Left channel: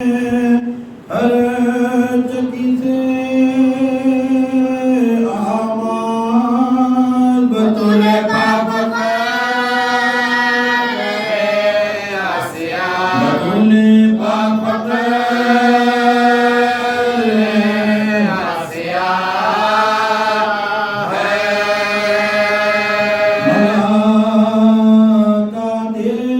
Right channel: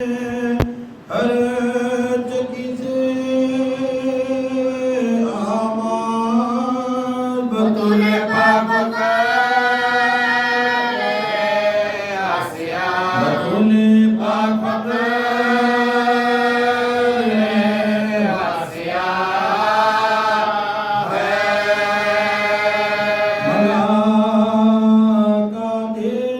हर चकी से आमाद बतूले पाक आसिया बतूले पाक आसिया मलाका दे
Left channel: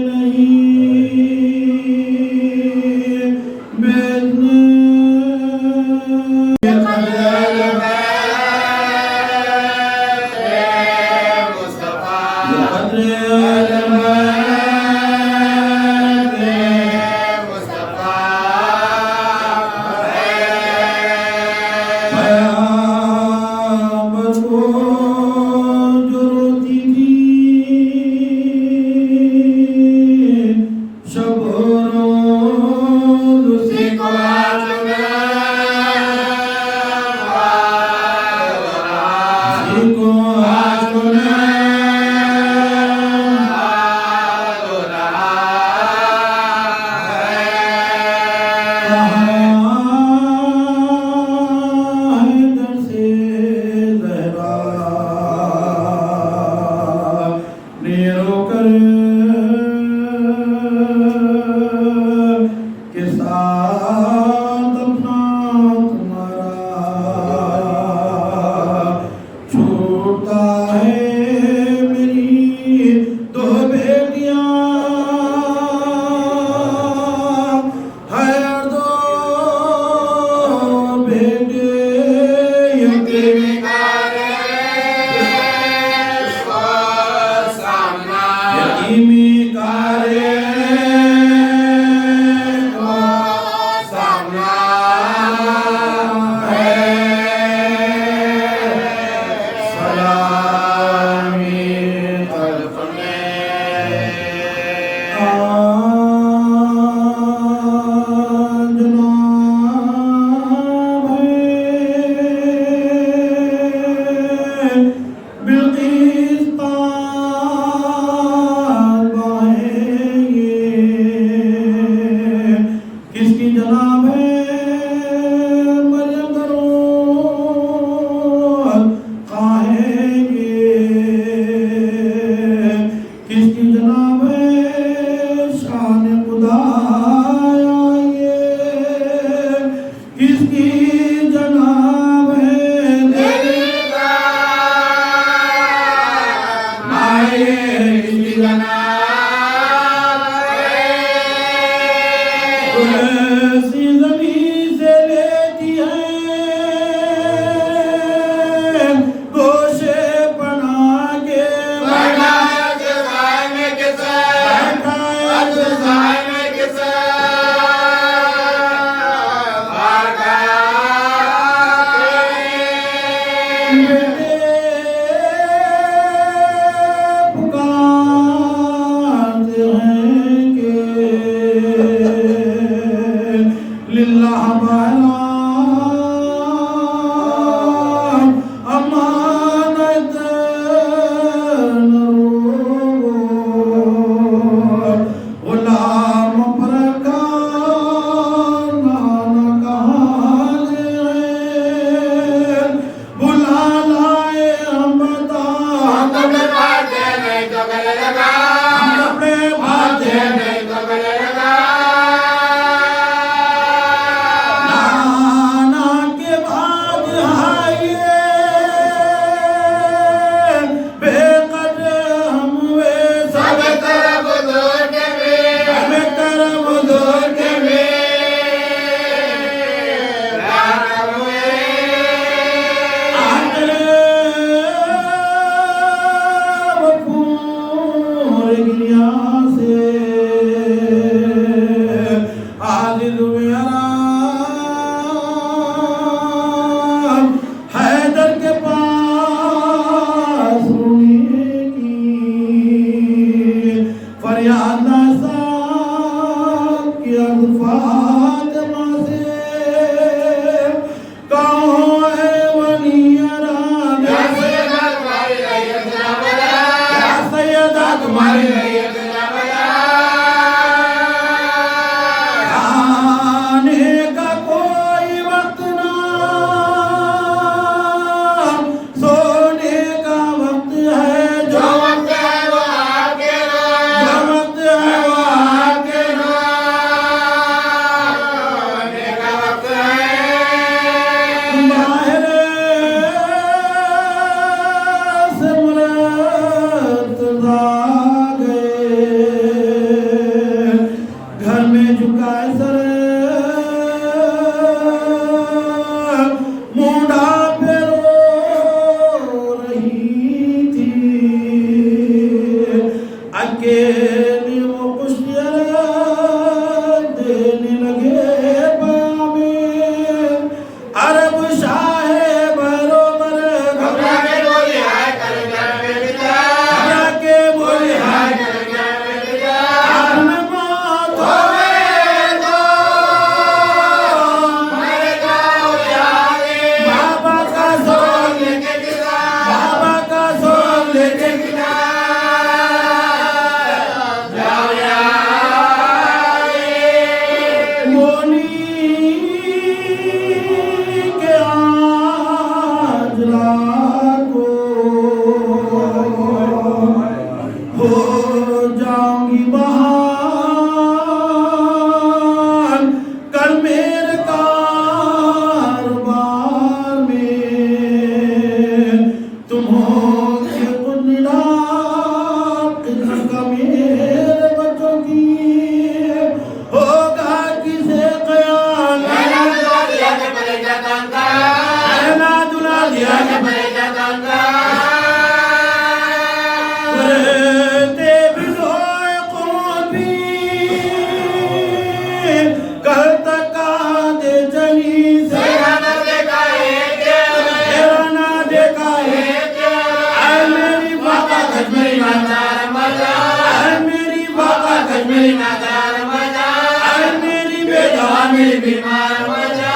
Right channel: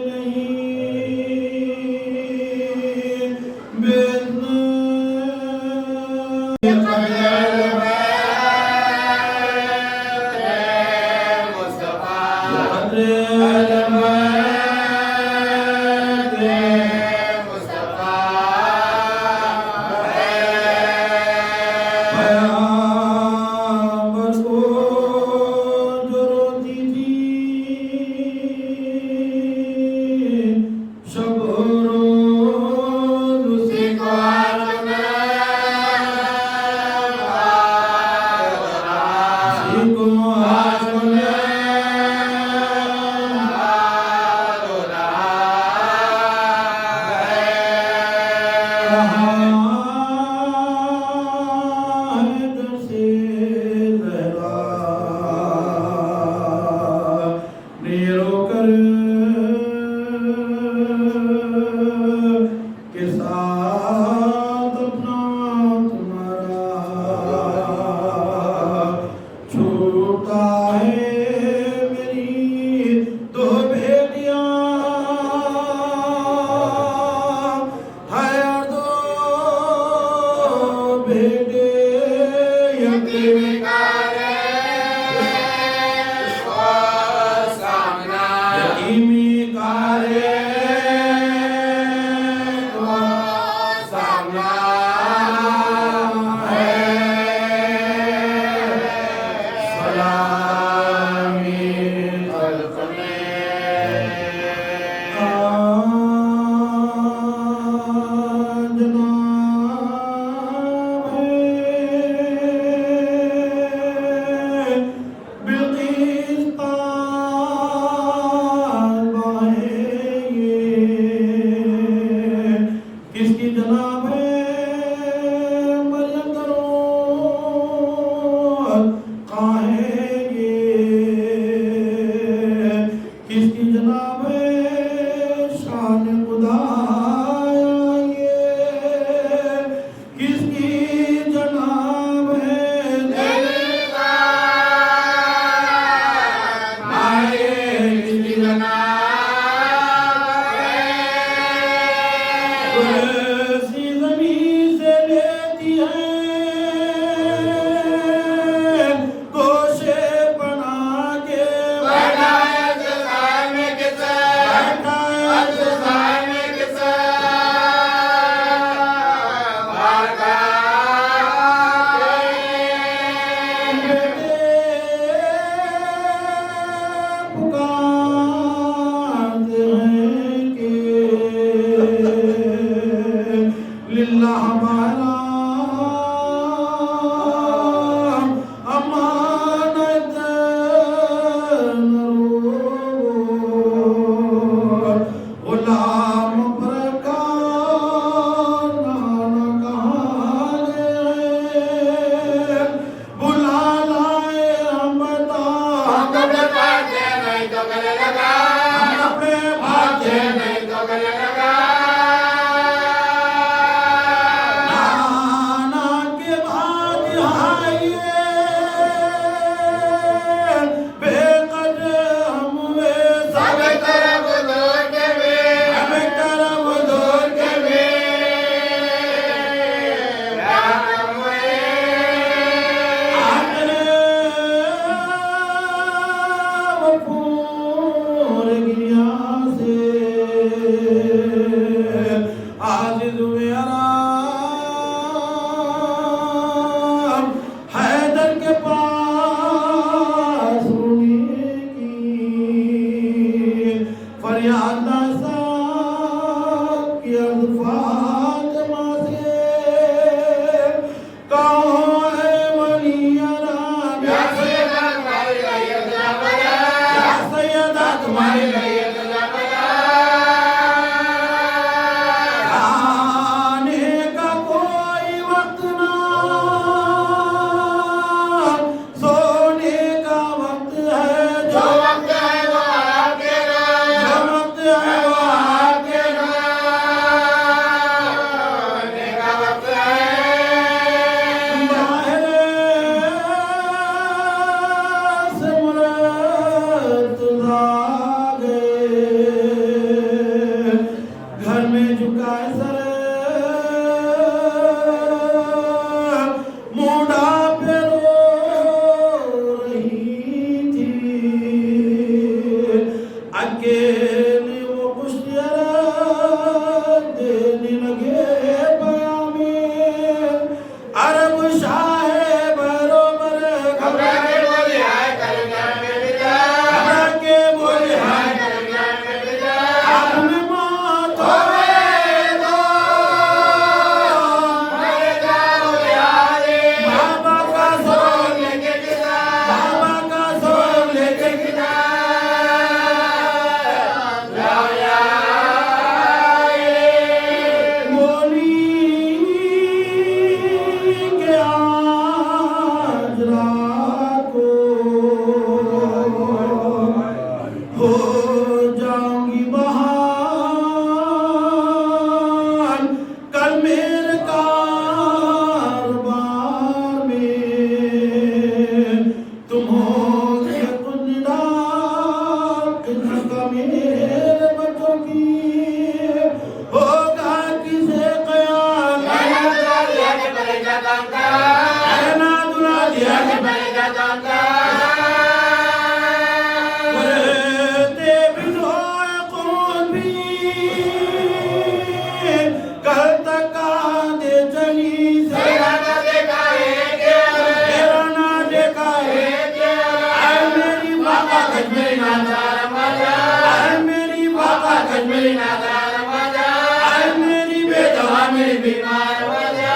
मेरी बीमार मजा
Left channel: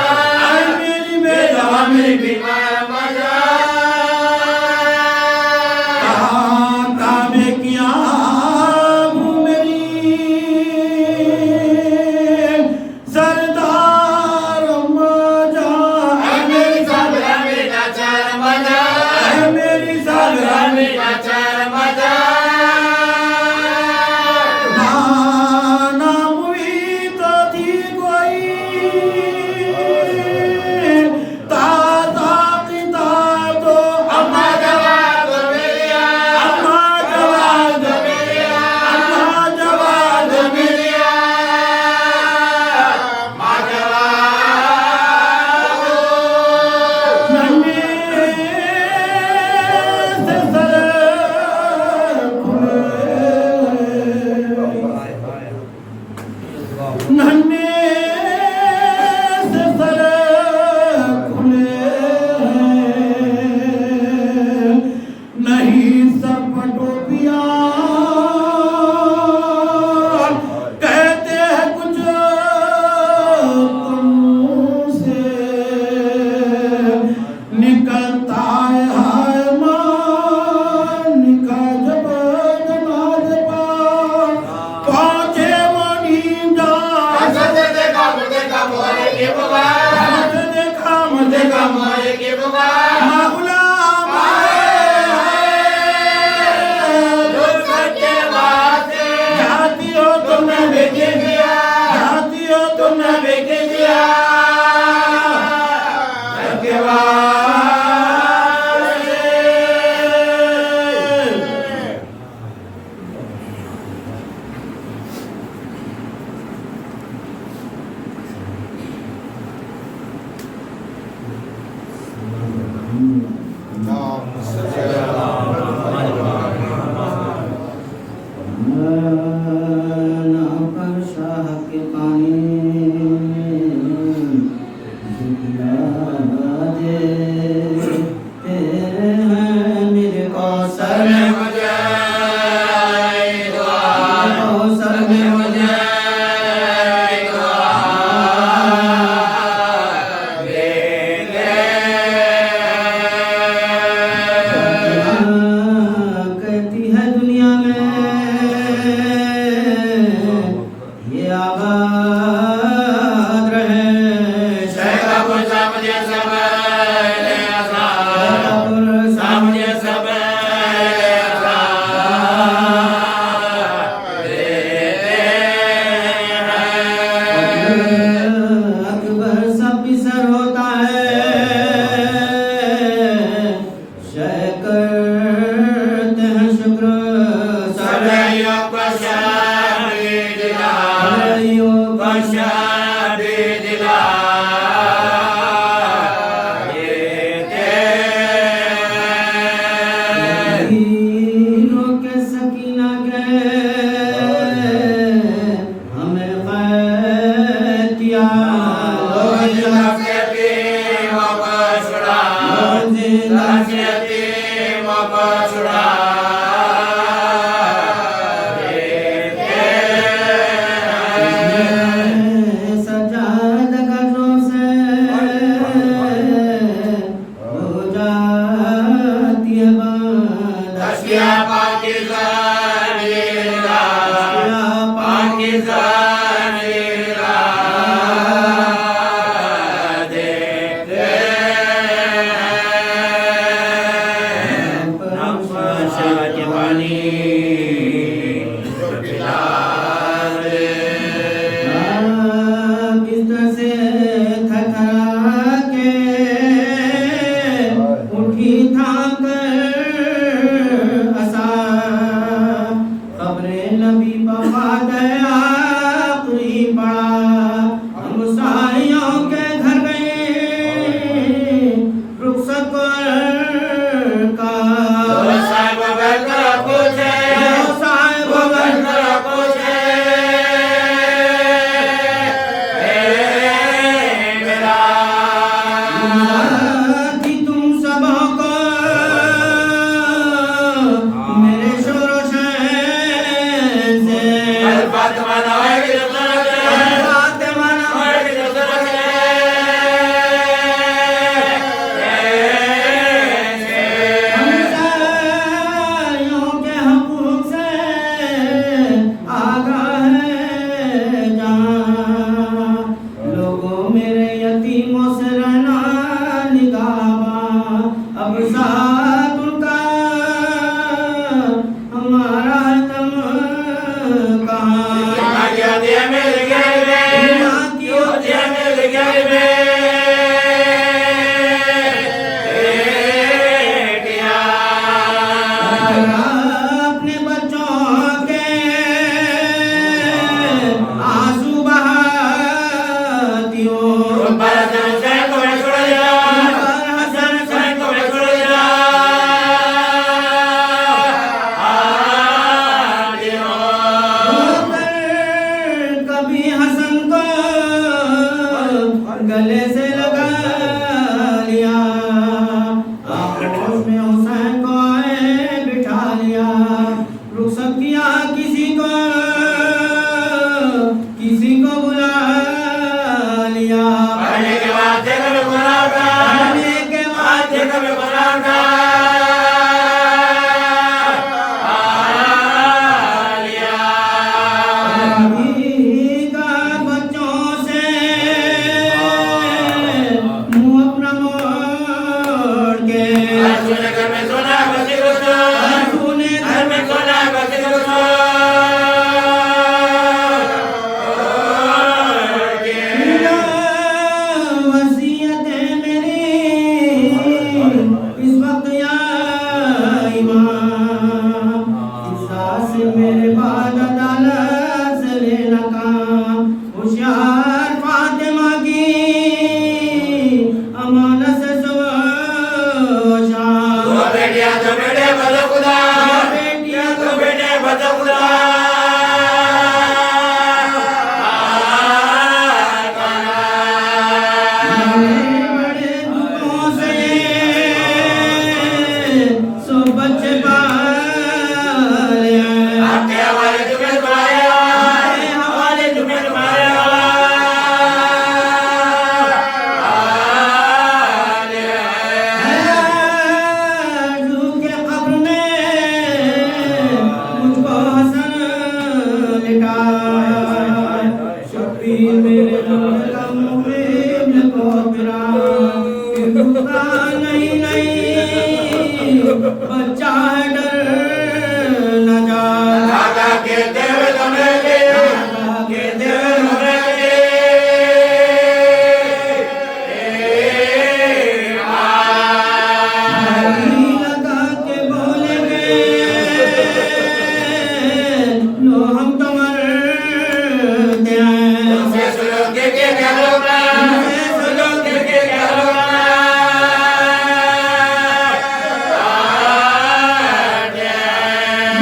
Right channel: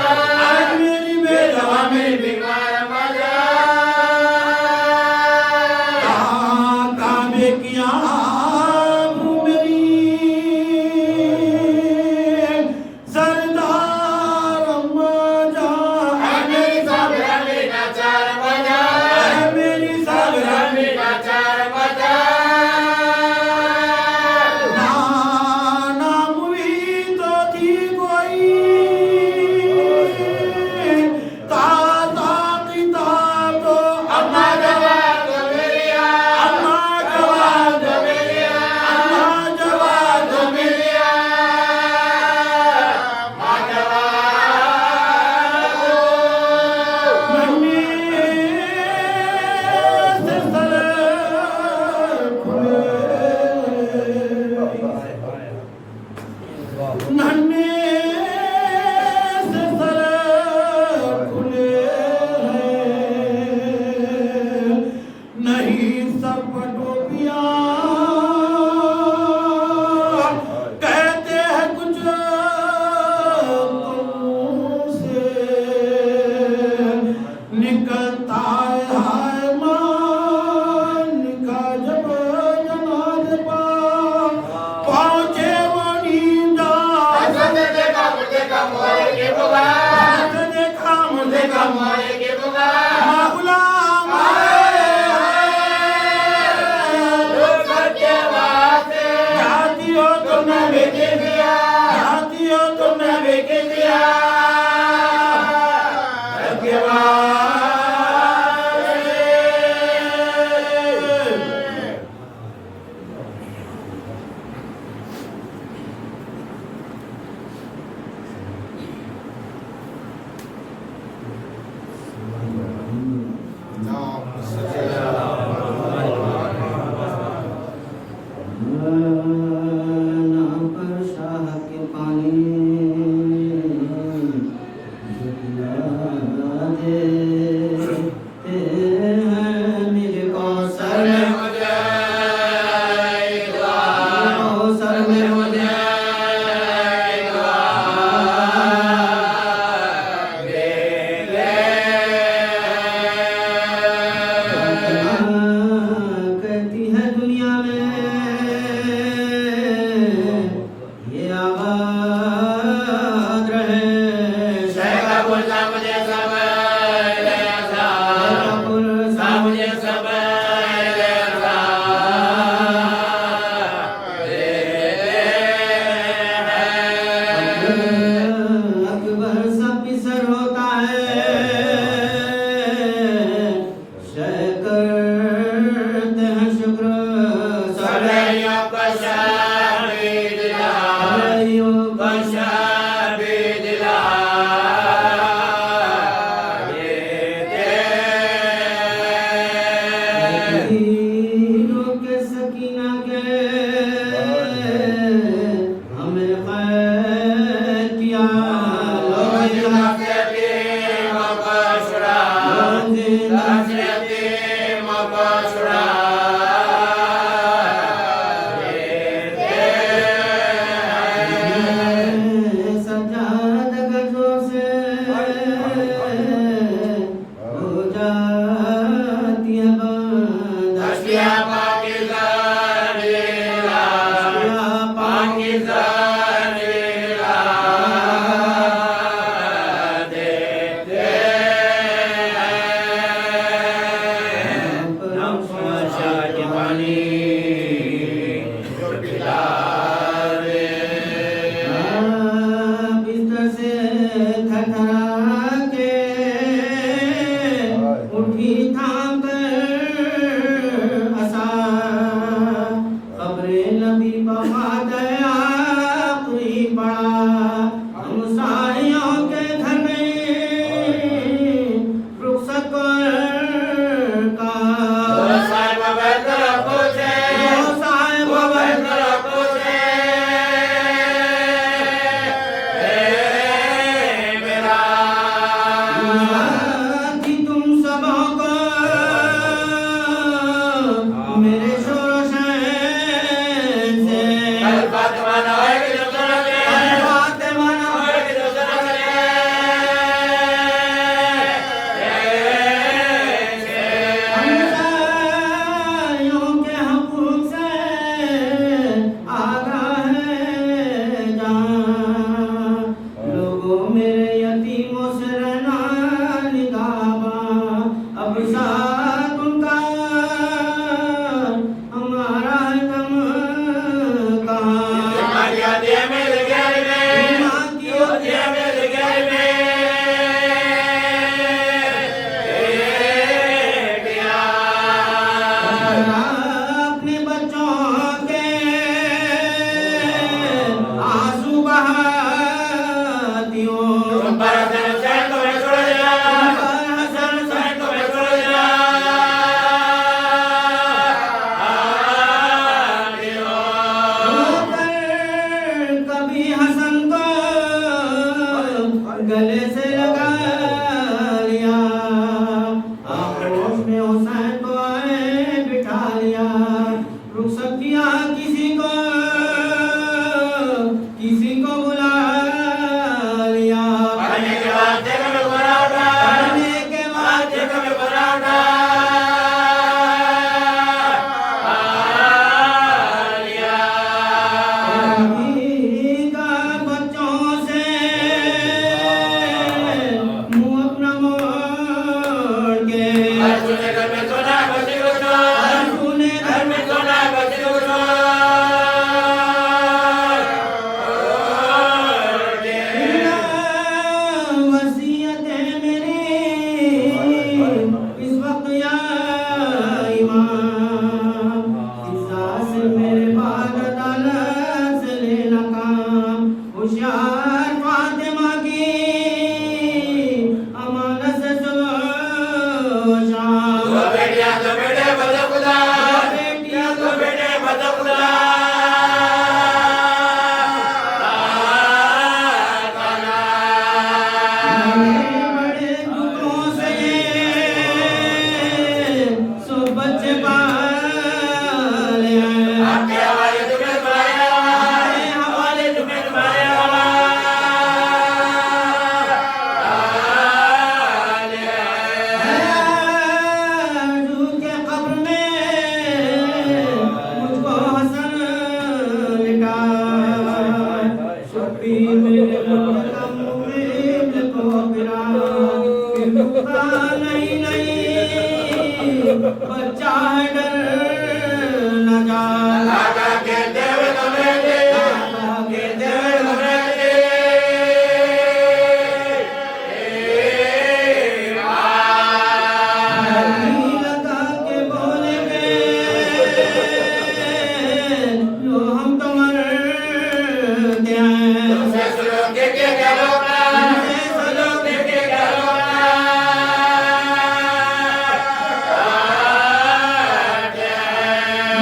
मेरी बेदवा मेरी बीमार मजा काबे की आबू मेरी सरदार मजा मेरी सागरा मेरा चार मजा मेरी सागरा मेरा चार मजा नन्हे से सर खुले नहीं सर पर टोपियां कहते हैं कुछ तुमसे निकलता है हाय मान का जब जनाज पर पहुंचे वो नींदा देखा मोरे के बुआ देखा मोरे के बुआ गुलाम लोग करके वास्ते जाती हो तुमने बेचे दिया जाती हो तुमने बेचे दिया के मेरे यतीमों से रहना निगाहबां, अब साथ उनका हमारा दम कहाँ। मातिया मिल गई रे, मातिया मिल गई रे, बेटिया। अपने बच्चों के आंसू बहाती हो, पर हसन को छोड़ दिया, पर हसन को छोड़ दिया। कभी हसन को गले से लगा लिया, आक्रोश में हुसैन को आए बिठा लिया, रुखसत किया किसी को बुला लिया। पढ़ने के बाद जगह में बुलाऊंगा, पढ़ने के बाद जगह में बुलाऊंगा। बच्चों से मुंह अपना मोड़ के, तूने घर में सोना बच्चे को तो, तूने घर में सोना बच्चे को तो। वसीयत है मेरी इस वक्त या इमाम, इस सांस से मेरे बाद अदालत से लेना काम। होशियार फातिमा की अमानत से सुबह शाम, दो बेटियां दो बेटे बदो खुदा, बेटियां दो बेटे बदो खुदा। बड़े दुखों से सो बच्चे पाले हैं, आपके हवाले तुम्हें तुम्हारे हवाले, हवाले तुम्हें तुम्हारे हवाले। आरज़ू के कब्र में मुझको हसन लिटा, शबीर मेरे मुल्क मुक़िम को फिरा, फिर मुस्ता नहीं बच्चा है डर न जा। दादा कहते हुए तुम्हें ले, कहते हुए तुम्हें ले। लगा के बोलेंगे लो हम तो मरते हैं, तुमसे सुलोगे के क्या रोना, सुलोगे के क्या रोना।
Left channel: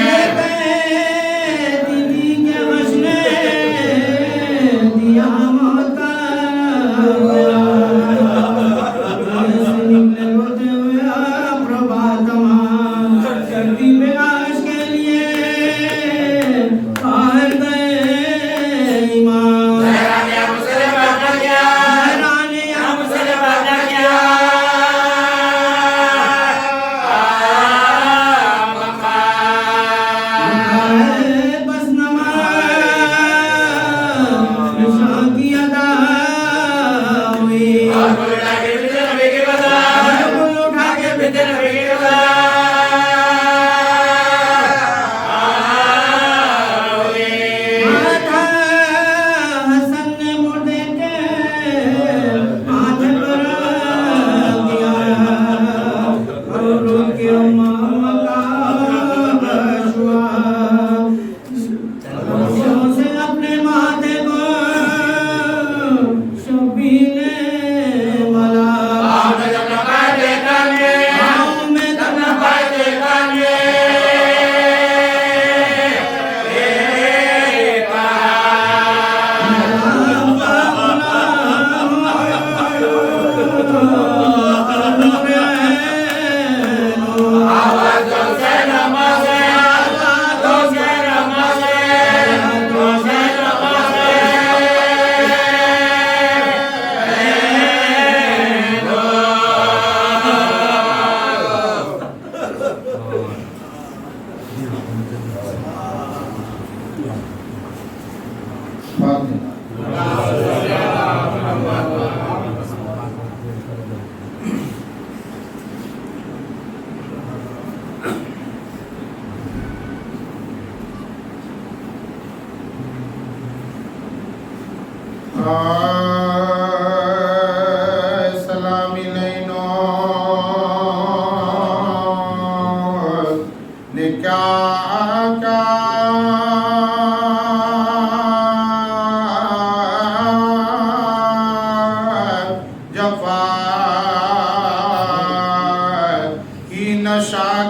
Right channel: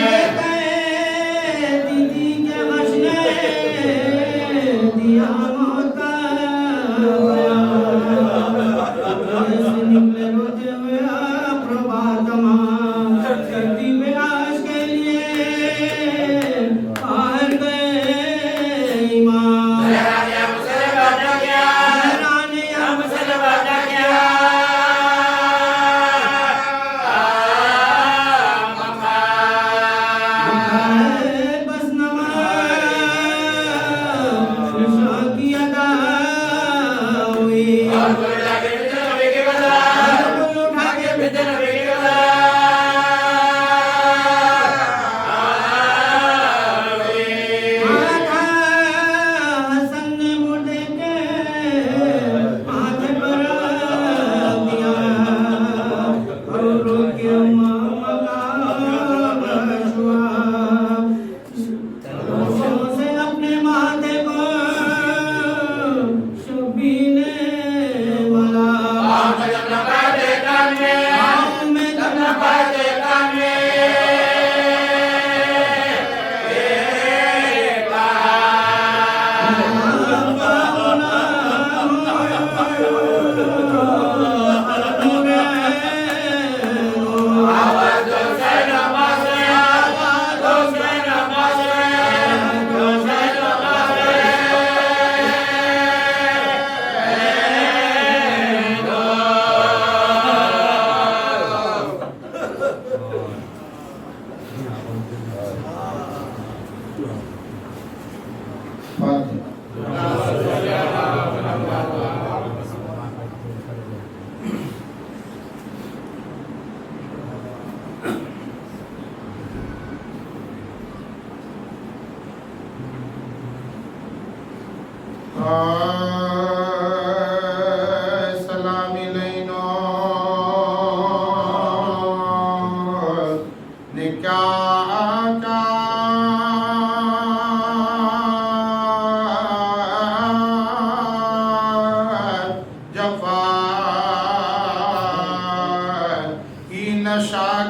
ये कहे दीदी के हंसने दिया मौत का बयान, से निकले रोते हुए प्रभातमा, सर्दी में आश के लिए बाहर गए इमाम। या मुसलमान ना किया, रानी या मुसलमान ना किया। बस नमाज़ निशा की अदा हुई,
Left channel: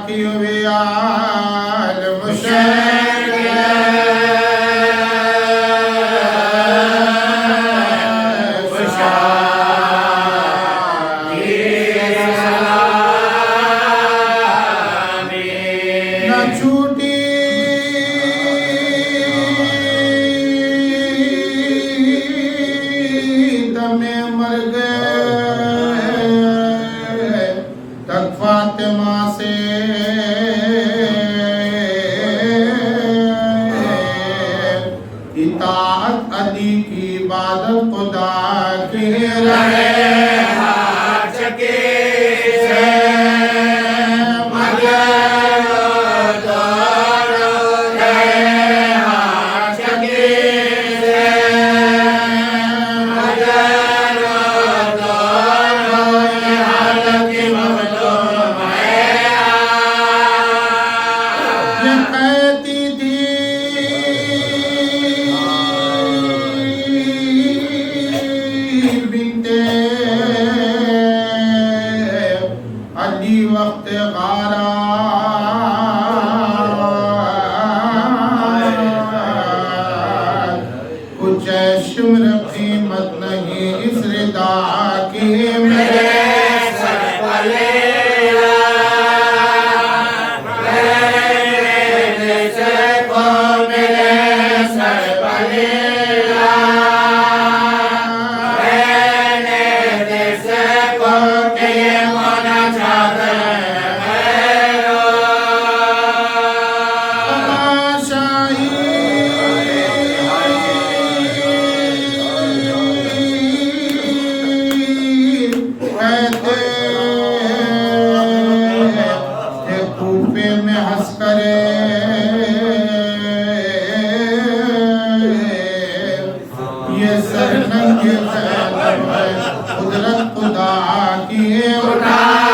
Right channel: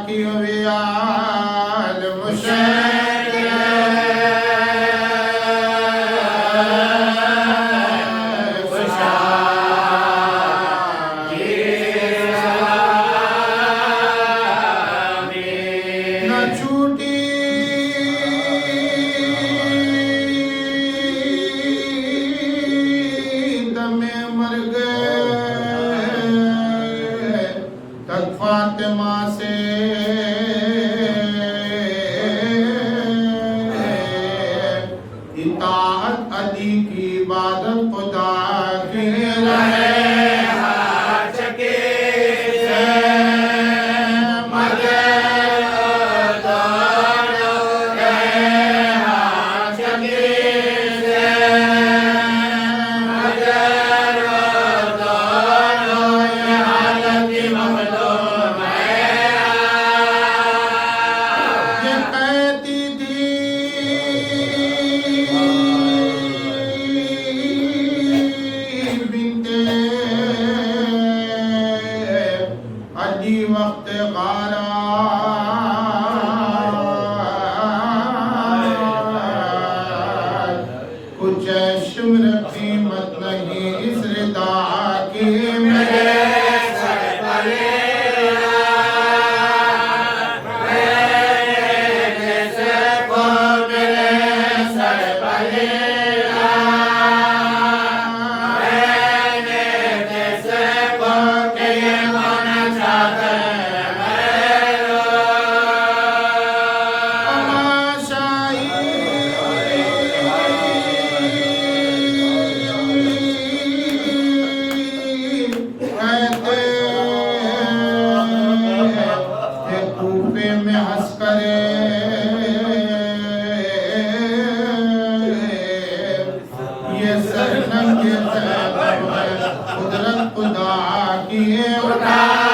की वियाल न छूटी दमे मर गए तक फातिमा से इताअत अली की इबादत खुदा की रहे अली वक्त गारा कुछ शुम्र कीमत नहीं इस रिदा की मेरे सर पले कूफे में हंस करे ये सरनंगे खैबर है कुदरत खुदा की उठाया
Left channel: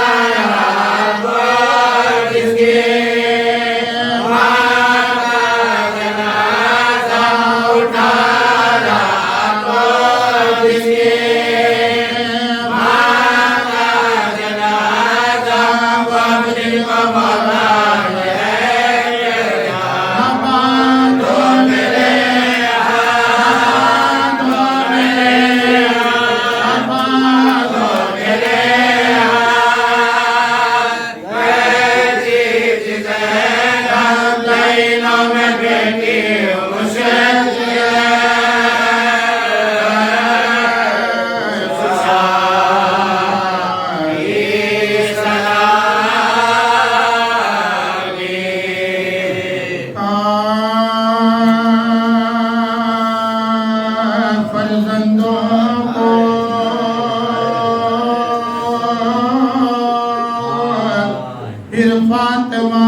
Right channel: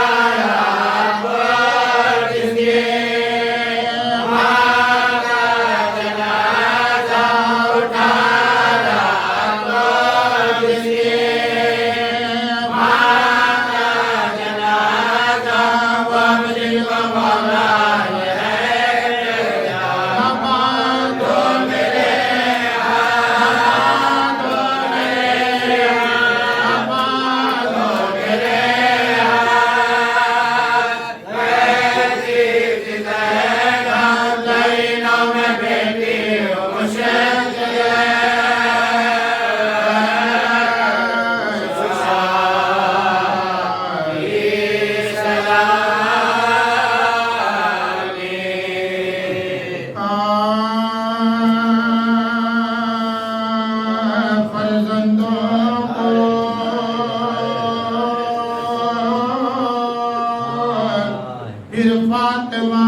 फिर फातिमा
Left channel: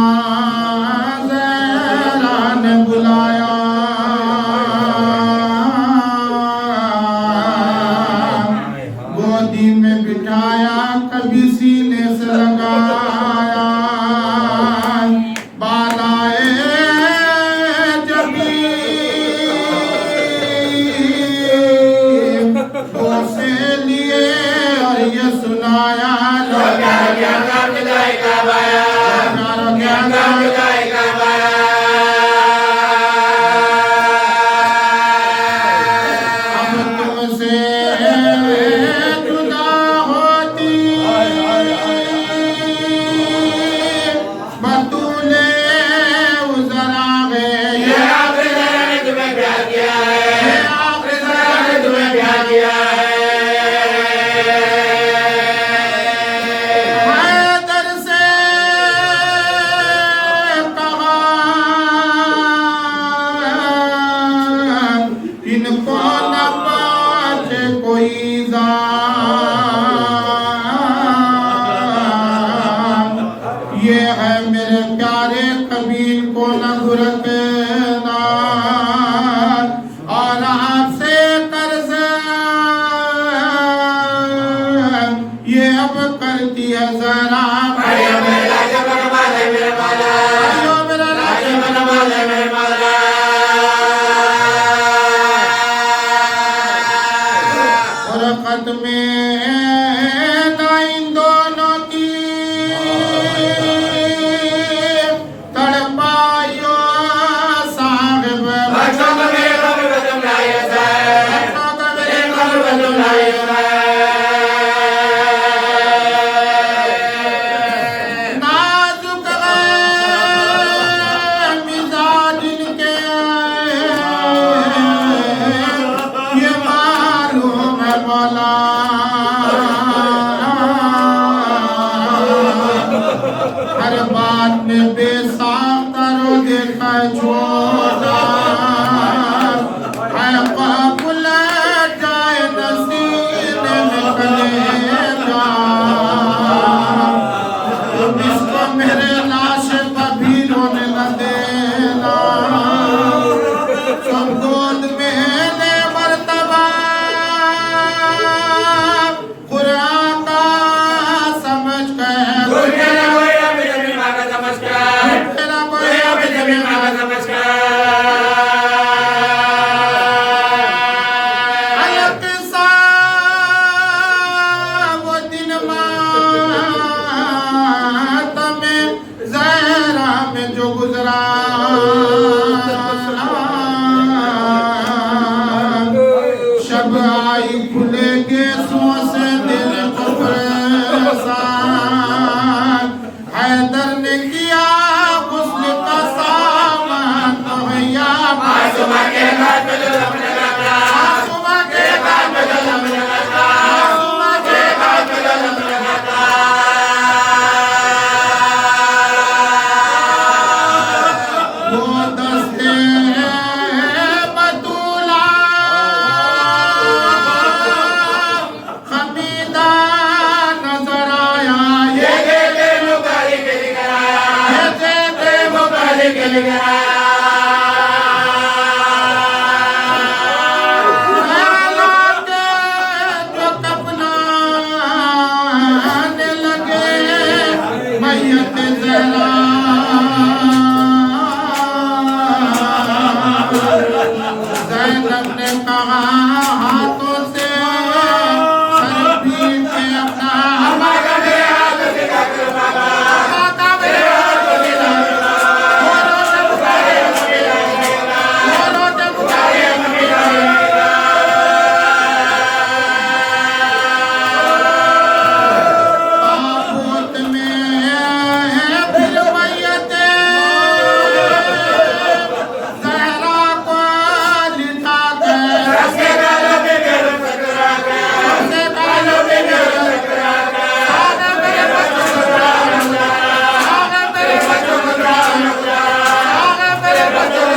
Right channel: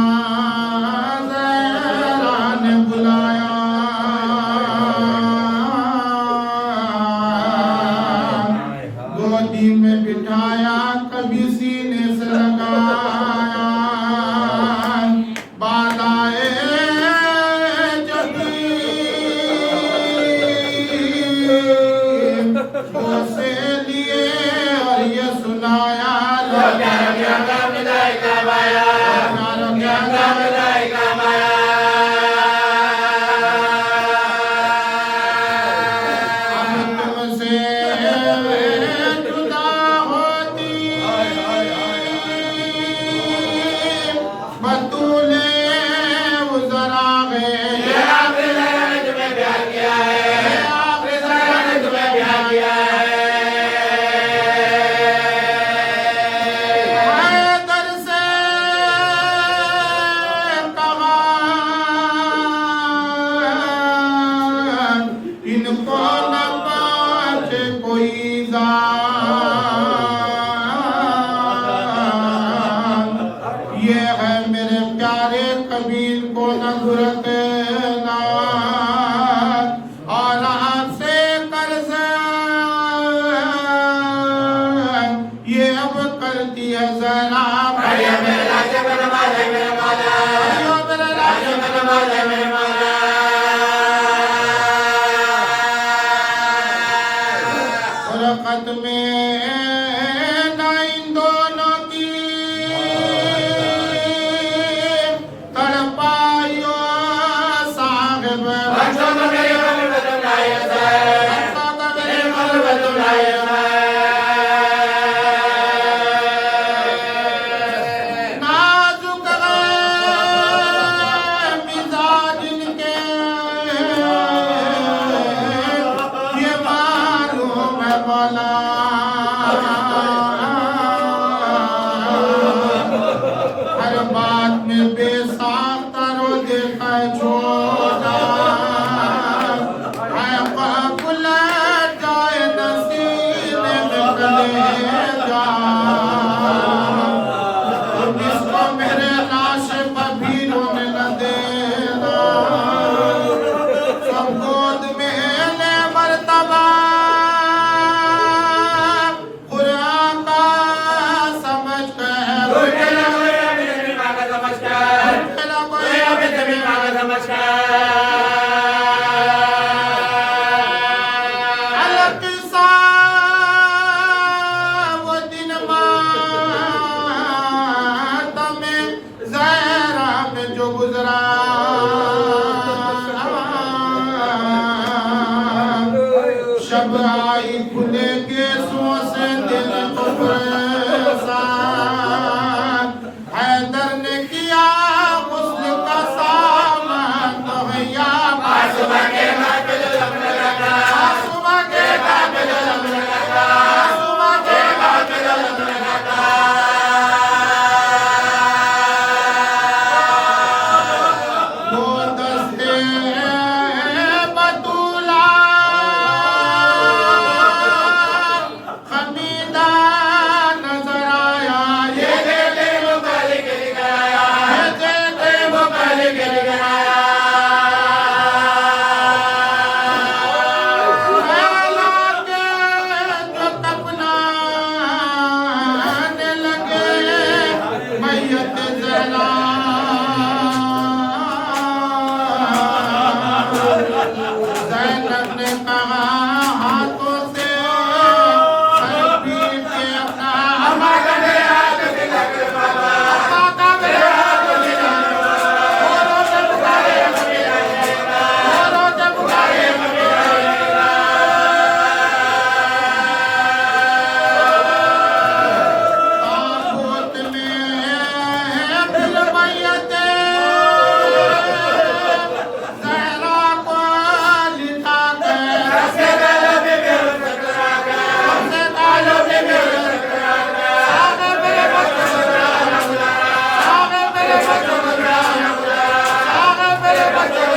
ज़हरा ने बुलाया गोदी में बिठाया कभी सीने से लगाया बालाए जबी से लिए और ये सुनाया इनको न पाछे कोई जान ये है मेरे प्यारे कबीर को न गुरकना और आपसे कर्ज ये अब करती है जरा खत में इन दोनों की वाला हर बात में बेसाख्ता रो देखा छोटा है बाबुल जाए नसीने में कलेजा इसको मेरे लाश पर भी रोने न देना सब गोद में ले मर्तबा कुरान का समझ कर शब आई खुलेगे सो से दिल को परेशान हैदर ने किया मुस्लिम का सामान मुहैया मासूमा के घर पे जो लम लगा मासूमा के घर पे जो लम लगा मासूमा के घर पे जो लम लगा वो दस्ते बतूला खमीदा नजर आया ये दे मुकाली के गया ये दे मुकाली के गया जो कपनाने लगे मैयत जरा ज़ैनब ने कहा हाथों से सर पीट के अपना अम्मा का मेरे हाथ दिखा के बाबा अम्मा का मेरे हाथ दिखा औरों से पुकारे औरों से पुकारे ताबूत में फिर मैयत ज़हरा को लिटा के उसके गालों पे मेरे टकरा के उसके गालों पे मेरे टकरा के आगे मेरे बच्चों को आगे मेरे बच्चों को आगे मेरे बच्चों को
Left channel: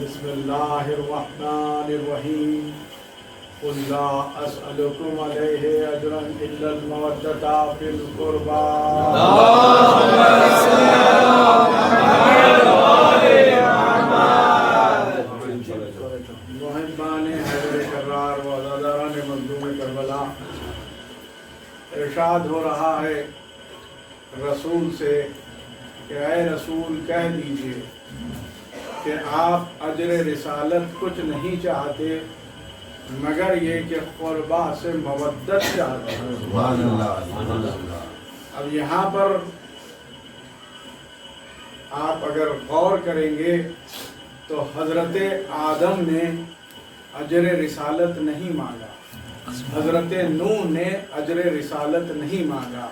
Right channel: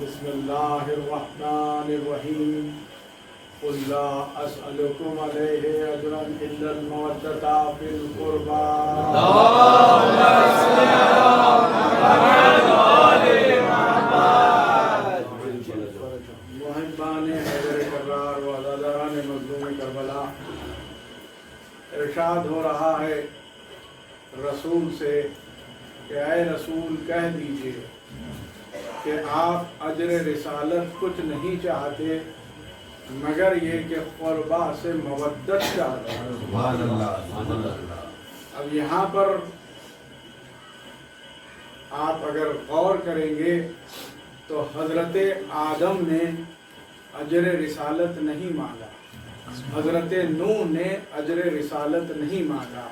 बिस्मिल्लाहिर्रहमानिर्रहीम कुल ला अस्अलुकुम अलैहि अजरन इल्लल मवद्दता फिल कुर्बा मुहिब्बान हैदर करार व अज़ादारान मज़लूम करबला। इरशाद हो रहा है रसूल से कि ऐ रसूल कह दीजिए कि आप अजर रिसालत कुछ नहीं चाहते मगर ये कि क़ुरबा से मवद्दत चाहते हैं। अब यहाँ पर आप अगर गौर करेंगे तो हज़रत आदम ने अजर रिसालत नहीं मांगा, हज़रत नूह ने अजर रिसालत नहीं मांगा,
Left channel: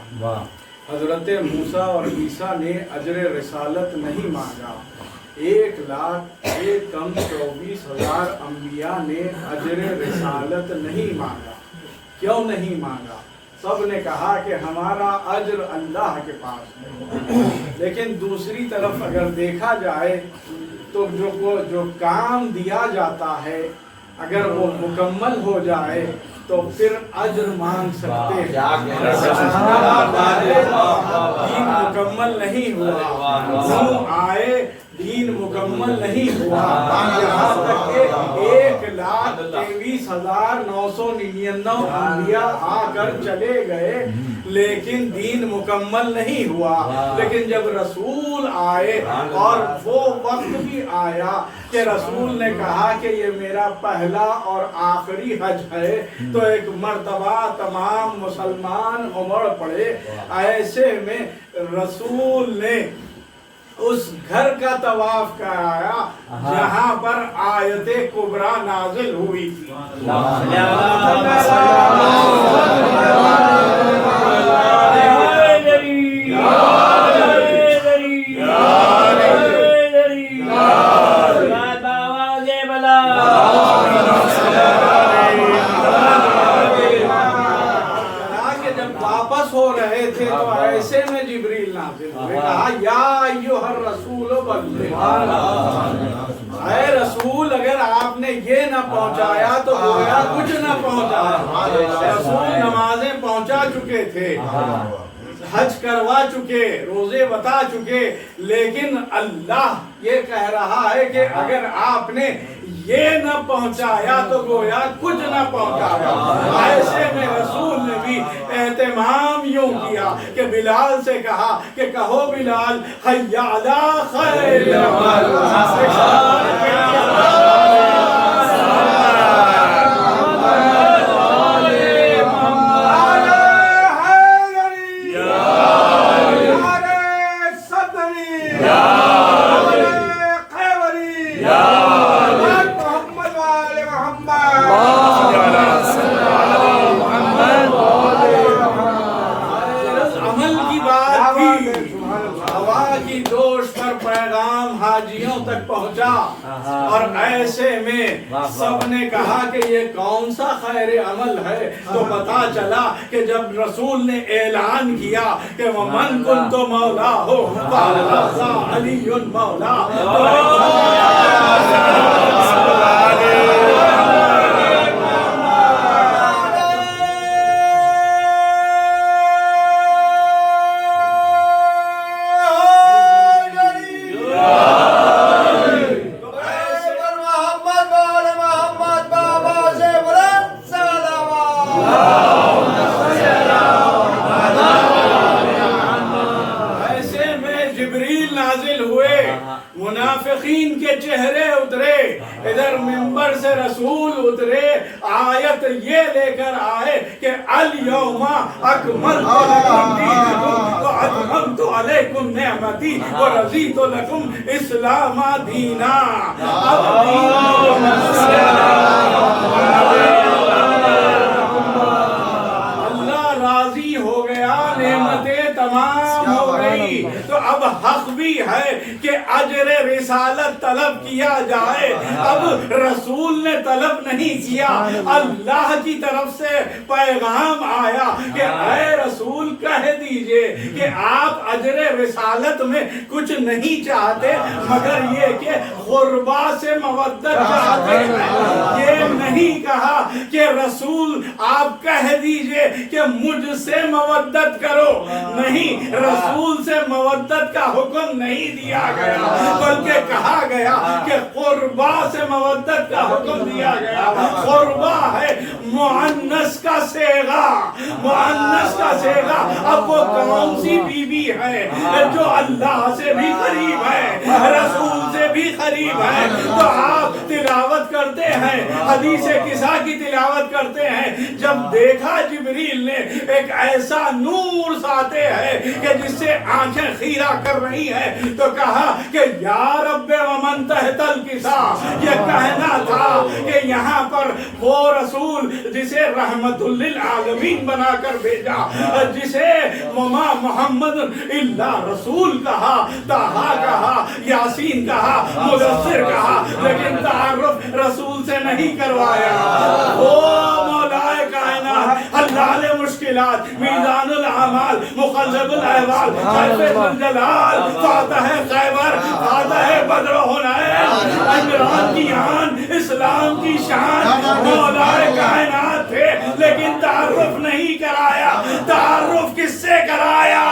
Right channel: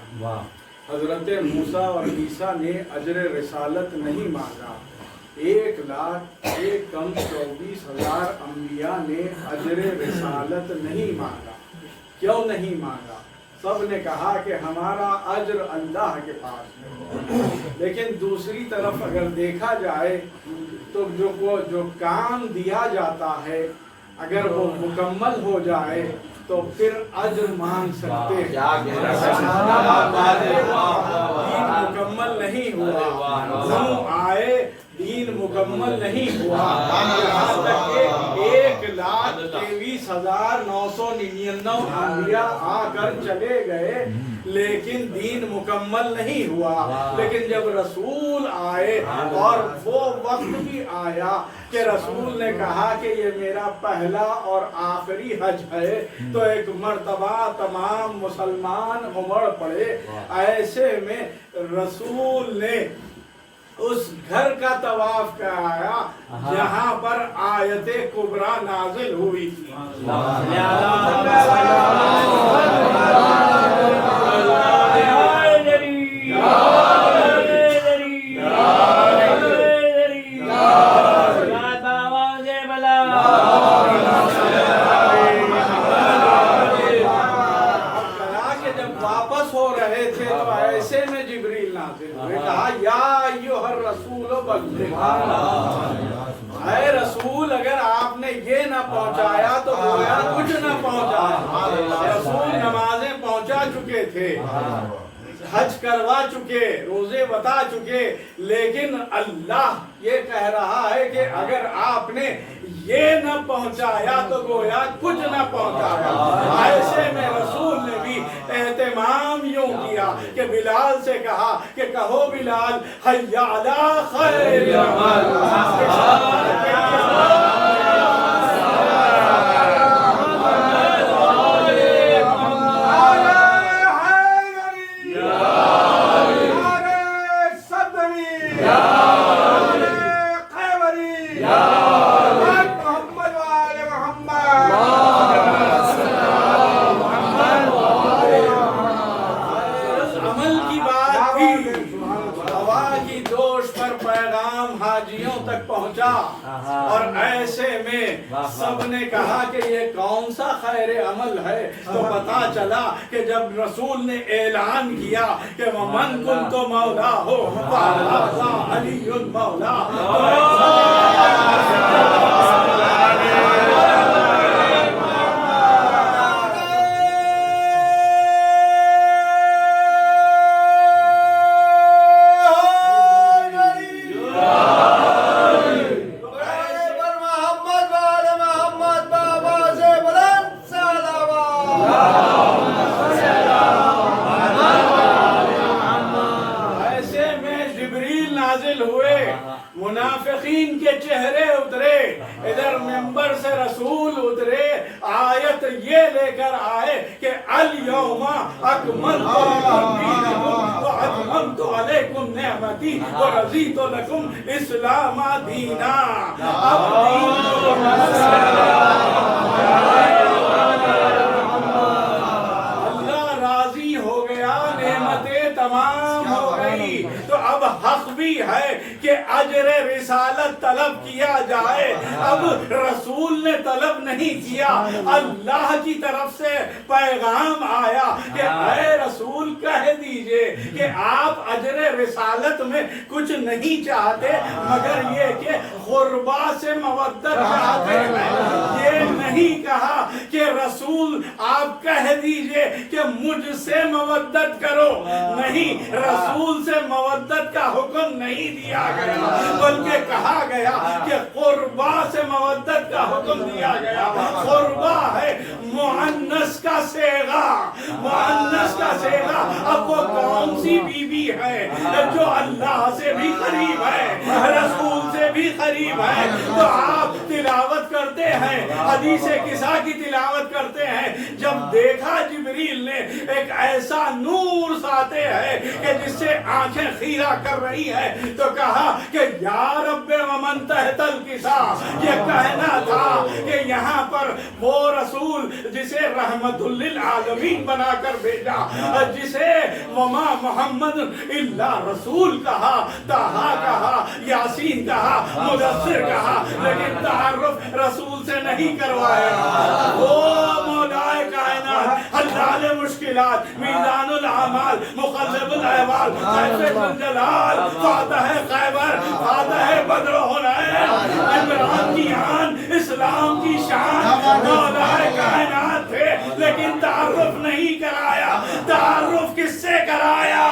हज़रत मूसा और ईसा ने अजर रिसालत नहीं मांगा। 1,24,000 अम्बिया ने अजर रिसालत नहीं मांगा। क्यों नहीं मांगा? सब ने कहा कि हमारा अजर अल्लाह के पास है। लेकिन दूसरी तरफ अगर देखा जाए तो जो काम दिया जाता है अगर वो मुकम्मल हो जाए तो फिर अजर मांग सकते हैं। दीन मुकम्मल नहीं हुआ, नूह आए, दीन मुकम्मल नहीं हुआ, यहाँ तक के 1,23,999 अम्बिया आकर चले गए, लेकिन दीन मुकम्मल नहीं हुआ। लेकिन जब रसूल आए और वो वक्त भी आया कि रसूल ने कहा कि ये मेरा पहला और आखिरी हज है, तो एक मर्तबा तमाम मुसलमान उमड़ पड़े। ऐसे में रसूल ने उस घर का तवाफ कराया जहाँ पर आयते कुबरा नाजिल हुई थी। वापस हो रहे थे तो ऐसे में जिब्रील नाज़िल हुए, कहा या अय्युहर रसूल बल्लिग। ऐ रसूल, अगर आपने ये न पहुंचाया तो गोया कुछ न पहुंचाया। रसूल नमाजें पहुंचा चुके थे, हज करवा चुके, रोजे बता चुके, लेकिन अल्लाह ये कह रहा है कि अगर आपने ये न पहुंचाया तो गोया कुछ न पहुंचाया। ऐसे में रसूल ने भी एहतमाम यूं किया कि बिलाल से कहा कि कहो बिलाल, हय्या अला खैर अमल। हाजियों तक पहुंचा और ऐसे में सबने कहा कि ये कौन सा खैर अमल है। तो पता चला कि जब रसूल ने ऐलान किया कि मन कुन्तु मौला हो अलीयुल मौला, मुनाफिकीन के चेहरे उतरे, इधर मिंबर से रसूल उतरे, आयत ये लेकर आए कि अल यौमा अकमलतु लकुम दीनकुम व अतममतु अलैकुम निअमती व रज़ीतु लकुम इस्लाम दीना। अब अल्लाह राजी हो गया, नेमतें तमाम हो गई, तो अब हक भी है कि अजर रिसालत तलब किया जाए। अब रसूल ने तलब नहीं किया, अल्लाह की तरफ से पैगाम आया कि ऐ रसूल कह दीजिए कि आप अजर रिसालत में कुछ नहीं चाहते मगर ये कि क़ुरबा से मवद्दत चाहते हैं। ये नहीं कहा कि रसूल आप कह दीजिए कि मुझसे मवद्दत करो, नहीं, रसूल से मवद्दत का हुक्म नहीं दिया गया, बल्कि कहा गया कि क़ुरबा से मवद्दत का हुक्म दिया गया। क़ुरबा है मुअन्नस का सेगा, मुअन्नस का सेगा। अब वो कौन सी बीवी है जो अल्लाह से भी करीब है, रसूल से भी करीब है। तो आप तिलावत करते हैं, हदीस किसा की तिलावत करते हैं। जब देखा जिब्रील ने एक ऐसा नूर साते है कि जिससे आंखें खीरा कर रही है, तो कहा कि या रब्बे वमन तहतल किसा, ये कहना था कि यहाँ पर वो रसूल जिसे रहमतुल लिल आलमीन बनाकर भेजा, जिसे वमा मोहम्मद इल्ला रसूल कहा, ताहा कहा, यासीन कहा, मुदस्सिर कहा, लेकिन तारुफ रसूल से नहीं करवाया। वो मौलाए कायनात, हल्लाल मुश्किलात, मीज़ानुल अमाल, मुक़ल्लिबुल अहवाल, सैफुल जलाल, फातह खैबर, फातह बद्र हुनैन, इमरान की आन, इस्लाम की शान, मौलाए कायनात थे, लेकिन तारुफ नहीं कराया। तारुफ किससे कराया?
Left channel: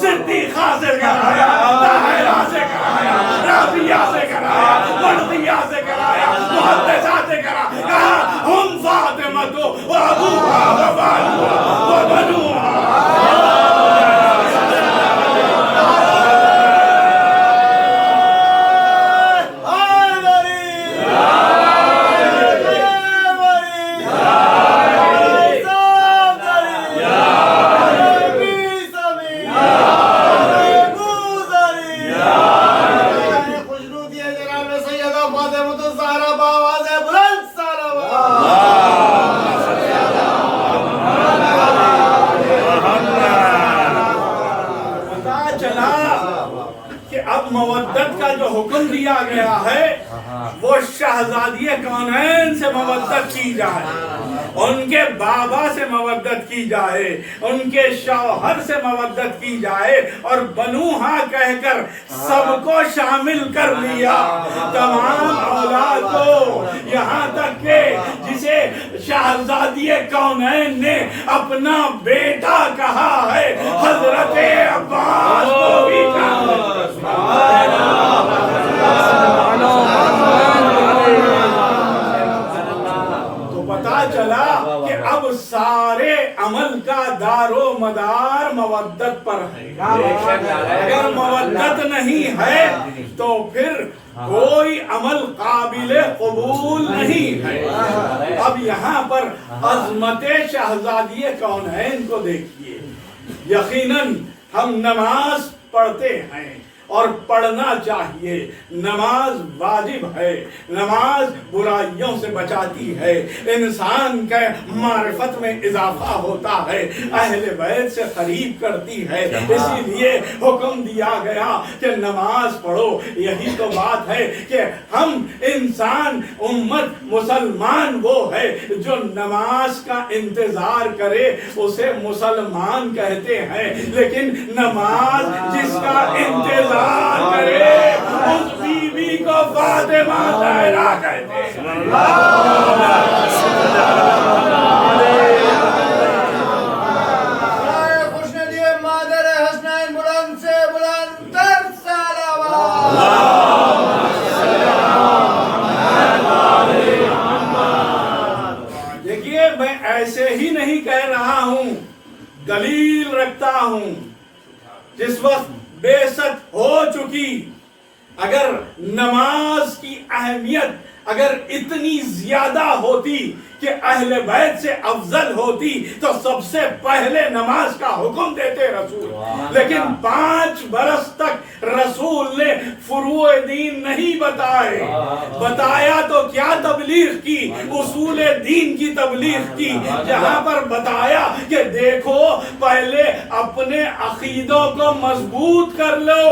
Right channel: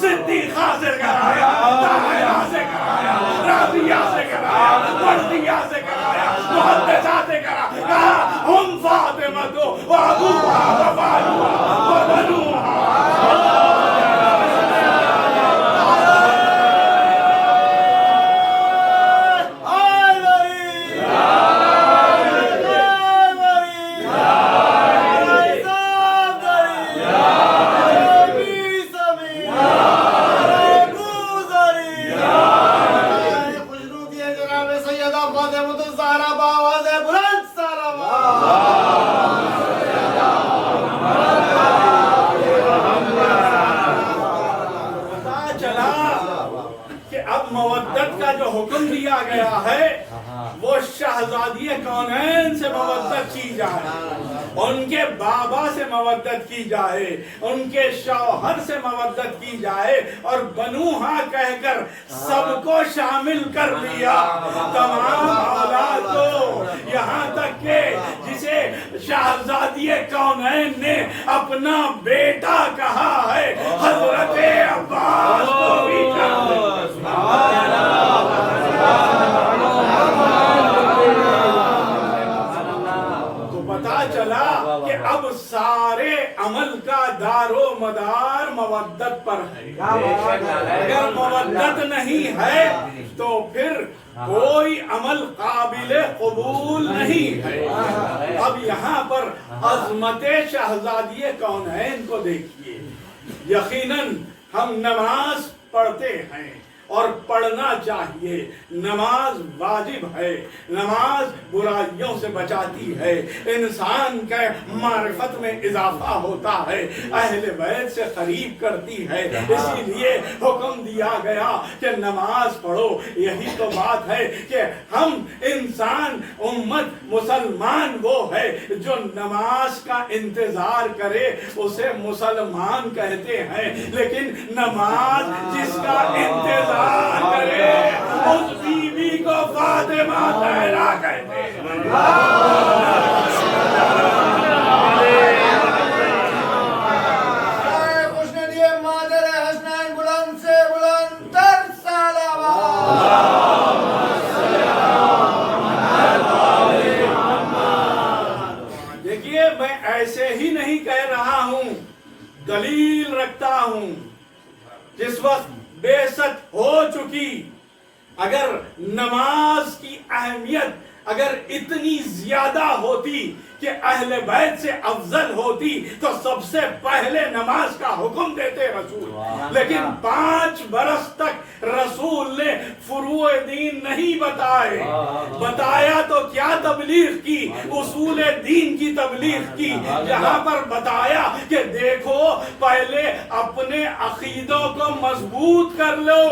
सिद्दीक़ा से कराया, ताहिरा से कराया, राबिया से कराया, मर्दिया से कराया, मुहद्दिसा से कराया। हम फातिमा तो व अबूहा व बानुहा व बनुहा। मवद्दत का जो हुक्म दिया गया है वो शहजादी कौनैन से मवद्दत की जाए, उनके बाबा से मवद्दत की जाए, उनके शौहर से मवद्दत की जाए, और बनुहा कहकर सबको शामिल कर लिया, तमाम औलाद को। यहाँ तक के जिसे शहजादी कौनैन ने अपना बेटा कहा है, हजरत अब्बास को भी तो पता चला कि अब सारे अमल का दारो मदार मवद्दत पर है। अगर मवद्दत नहीं है तो फिर कोई अमल काबिल कबूल नहीं है। अब यहाँ पर अज़मत शहजादी कौनैन को देखिए। यकीनन हम नमाज पढ़ते हैं और पढ़ना चाहिए, नमाज वाजिब है, नमाज बुराइयों से बचाती है, इंसान के मारिफत में इजाफा होता है, अहले बैत से करीब करती है, इसीलिए हुक्म दिया गया कि नमाज पढ़ो। यही तो बात है कि हम इंसान उम्मत मुसलमान वो है जो नमाज का इंतजार करे उसे मुसलमान कहते हैं, लेकिन नमाज जिसका इंतजार करे उस बीबी को फातिमा ज़हरा कहते हैं। खुशनुदी मादर हसनैन बुलंद से बुलंद तर सलावत। देखिए, मैं ऐसे ही नहीं कह रहा हूं, दलील रखता हूं। जिस वक्त बेसत हो चुकी, अगर नमाज की अहमियत अगर इतनी ज्यादा होती कि अहले बैत से अफजल होती तो सबसे पहले नमाज का हुक्म देते रसूल। लेकिन 5 बरस तक रसूल ने फुरूए दीन नहीं बताए। बताया तो क्या तबलीग की, उसूल दीन की तबलीग की, जहां पर बताया कि देखो पहले अपने अकीदों को मजबूत कर लो,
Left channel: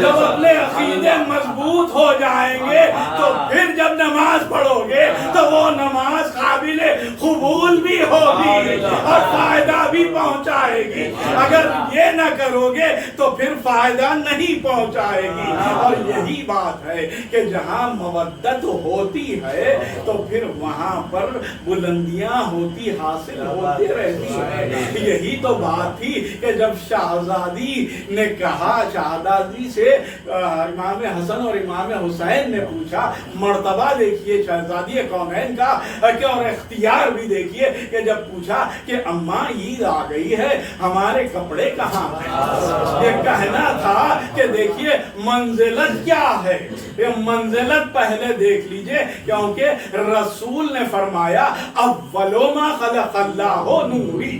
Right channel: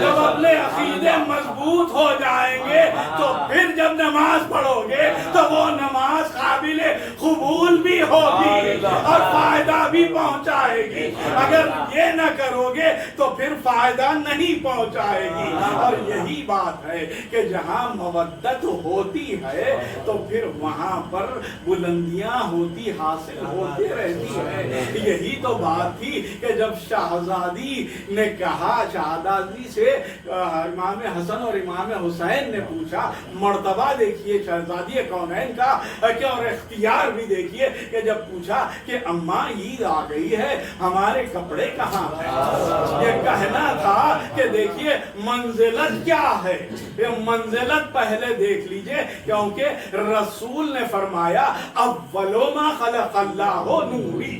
जब अपने अकीदे मजबूत हो जाएंगे तो फिर जब नमाज पढ़ोगे तो वो नमाज काबिले कबूल भी होगी और फायदा भी पहुंचाएगी। अगर ये न करोगे तो फिर फायदा नहीं पहुंचाएगी। और यही बात है कि जहां मवद्दत होती है तो फिर वहां पर बुलंदियां होती हासिल होती रहती है। यही तो बात थी कि जब शहजादी ने कहा, शहजादी से इमाम हसन और इमाम हुसैन ने पूछा, मर्तबा देखिए शहजादी कौनैन का, कि और इख्तियार भी देखिए कि जब पूछा कि अम्मा ईद आ गई है, हमारे कपड़े कहाँ हैं, ये कहना था कि देखिए मंजिलत क्या है, ये मंजिलत पहले देख लीजिए, क्योंकि रसूल ने फरमाया अव्वलो मा खलक़ल्लाहु नूरी,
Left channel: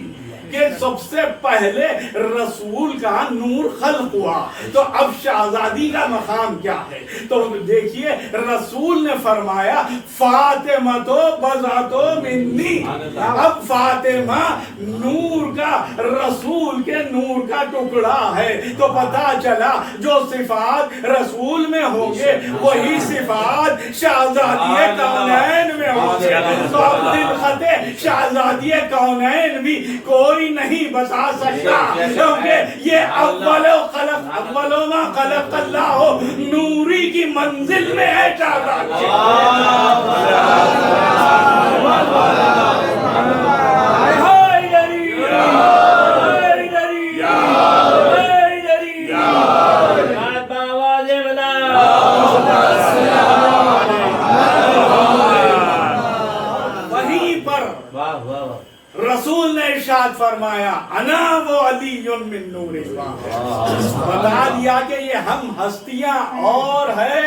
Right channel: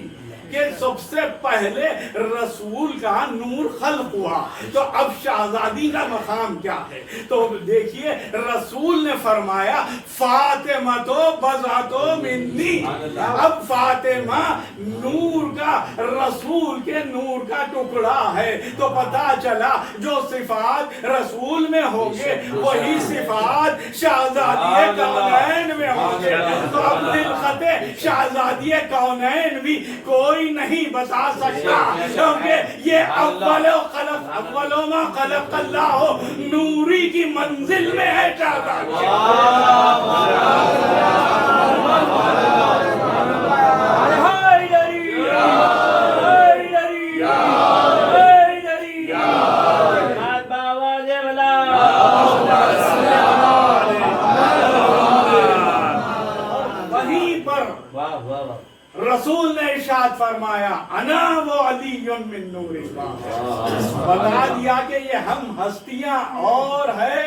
कि सबसे पहले रसूल का नूर खल्क हुआ। तो अब शाहजादी का मकाम क्या है, तो देखिए रसूल ने फरमाया फातिमा तो बज़ा तो मिन्नी, अब फातिमा नूर का, रसूल के नूर का टुकड़ा है। तो पता चला जो सिफात रसूल में होंगे वही सिफात शाहजादी कौनैन में होंगे। तो अब दिलखते शाहजादी कौनैन भी कोई नहीं बता सकता, क्योंकि ये अव्वलो मा खलक़ल्लाहु नूरी की मंजिल में है शाहजादी। वहीं पर रसूल ने इरशाद फरमाया अना वो अलीयुन मिन नूरिल्लाह, बता दिया कि ये हम हस्तियां और है,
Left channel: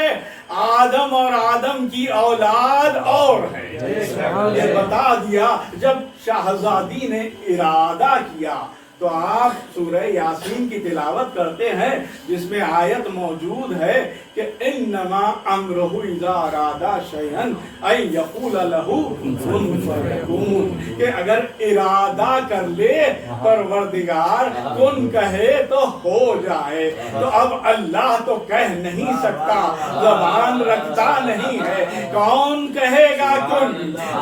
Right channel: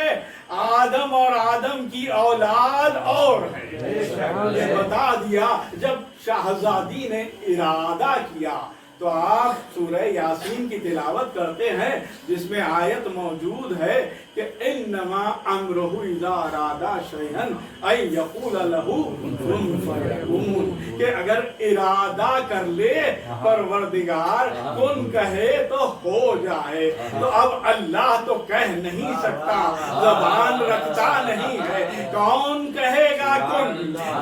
आदम और आदम की औलाद और है, ये बता दिया। जब शाहजादी ने इरादा किया तो आप सूरह यासीन की तिलावत करते हैं, जिसमें आयत मौजूद है कि इन्नमा अम्रुहु इज़ा अरादा शैअन अन यक़ूल लहू कुन फयकून, कि अगर इरादा कर ले परवरदिगार कुन कहे तो हो जाए। तो अब अल्लाह तो कह नहीं सकता, ज़बान रखता नहीं है, कौन कहेगा कुन,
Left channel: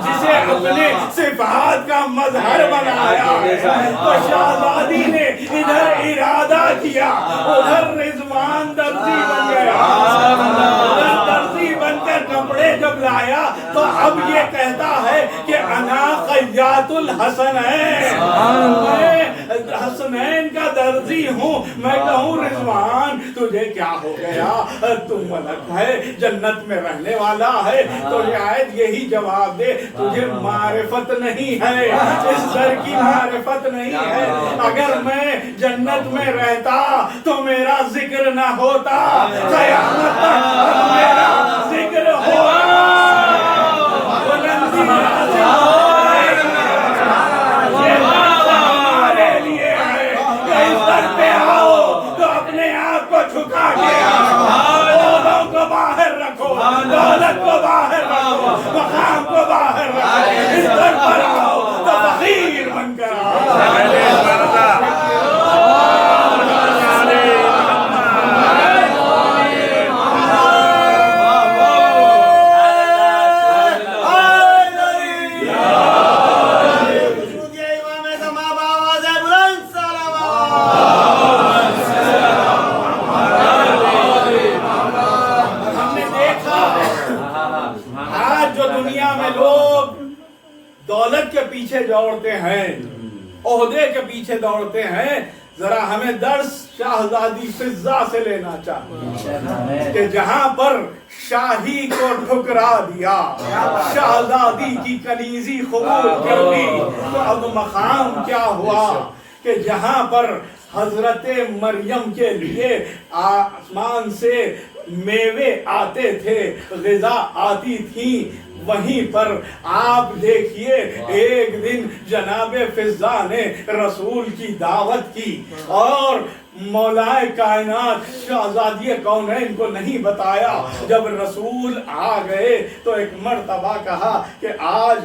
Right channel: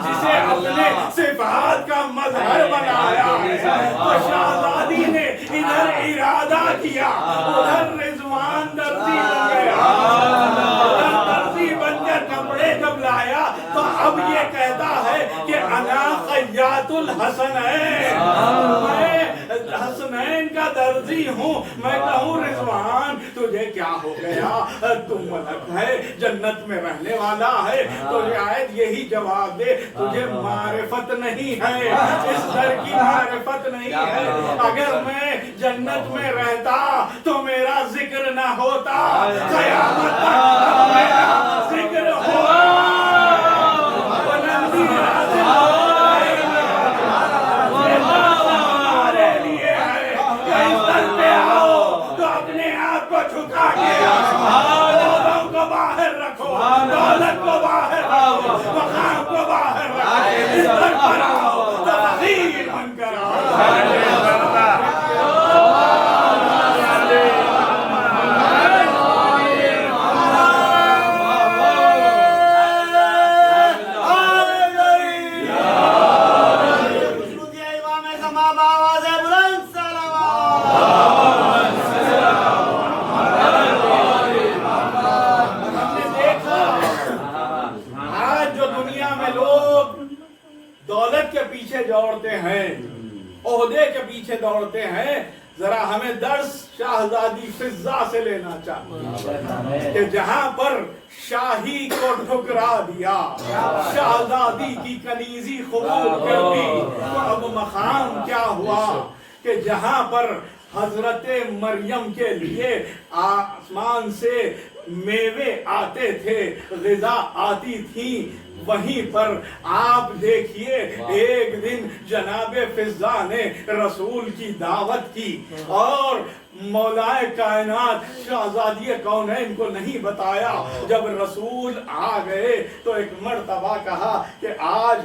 जिसे अपने सिफात का मजहर बनाया है। तो शाहजादी ने इधर इरादा किया, उधर रिजवान दर्जी बन गया, दर्जी बनकर कपड़े जब लाया तो अब ये कहता है कि अना खय्यातुल हसनैन, मैं हसनैन का दर्जी हूँ। मैं कहूँ रिजवान तुझे क्या हो गया, तू मलक है, जन्नत में रहने वाला है, तो शायद यही जवाब दे तुझे मारिफत नहीं है, इस दर की मारिफत नहीं है। अगर मैं जन्नत में रहता तो मेरा जिक्र ना होता, क़यामत तक मेरा जिक्र होगा, बुलंदी हासिल हो रही है। ये मौका हमारे लिए है कि इस दर पे आओ तो अपने आप को झुका के लोगों को बाहर रखो, दौलत को बाहर रखो, मकाम को बाहर रखो, इस दर पर आओ तो फकीर बनकर आओ। दौलत के पीछे दौड़ते हैं, ओहदे के पीछे दौड़ते हैं, जरा हमें दर्स शाहजादी फिजा से लेना चाहिए कि जहां पर शाही को ठुकरा दिया, शाहजादी की कनीजी कबूल कर ली, तो अब मकाम क्या हुआ कि जहां पर हजरत मरियम के लिए आसमान से मेवे आते थे, ग़िज़ा आती थी, वहीं पर आप देखिए एक दिन जनाबे फिजा ने रसूल की दावत की और मौलाए कायनात शाहजादी कौनैन को नहीं बताया। जब रसूल आ गए तो एक मर्तबा कहा कि आज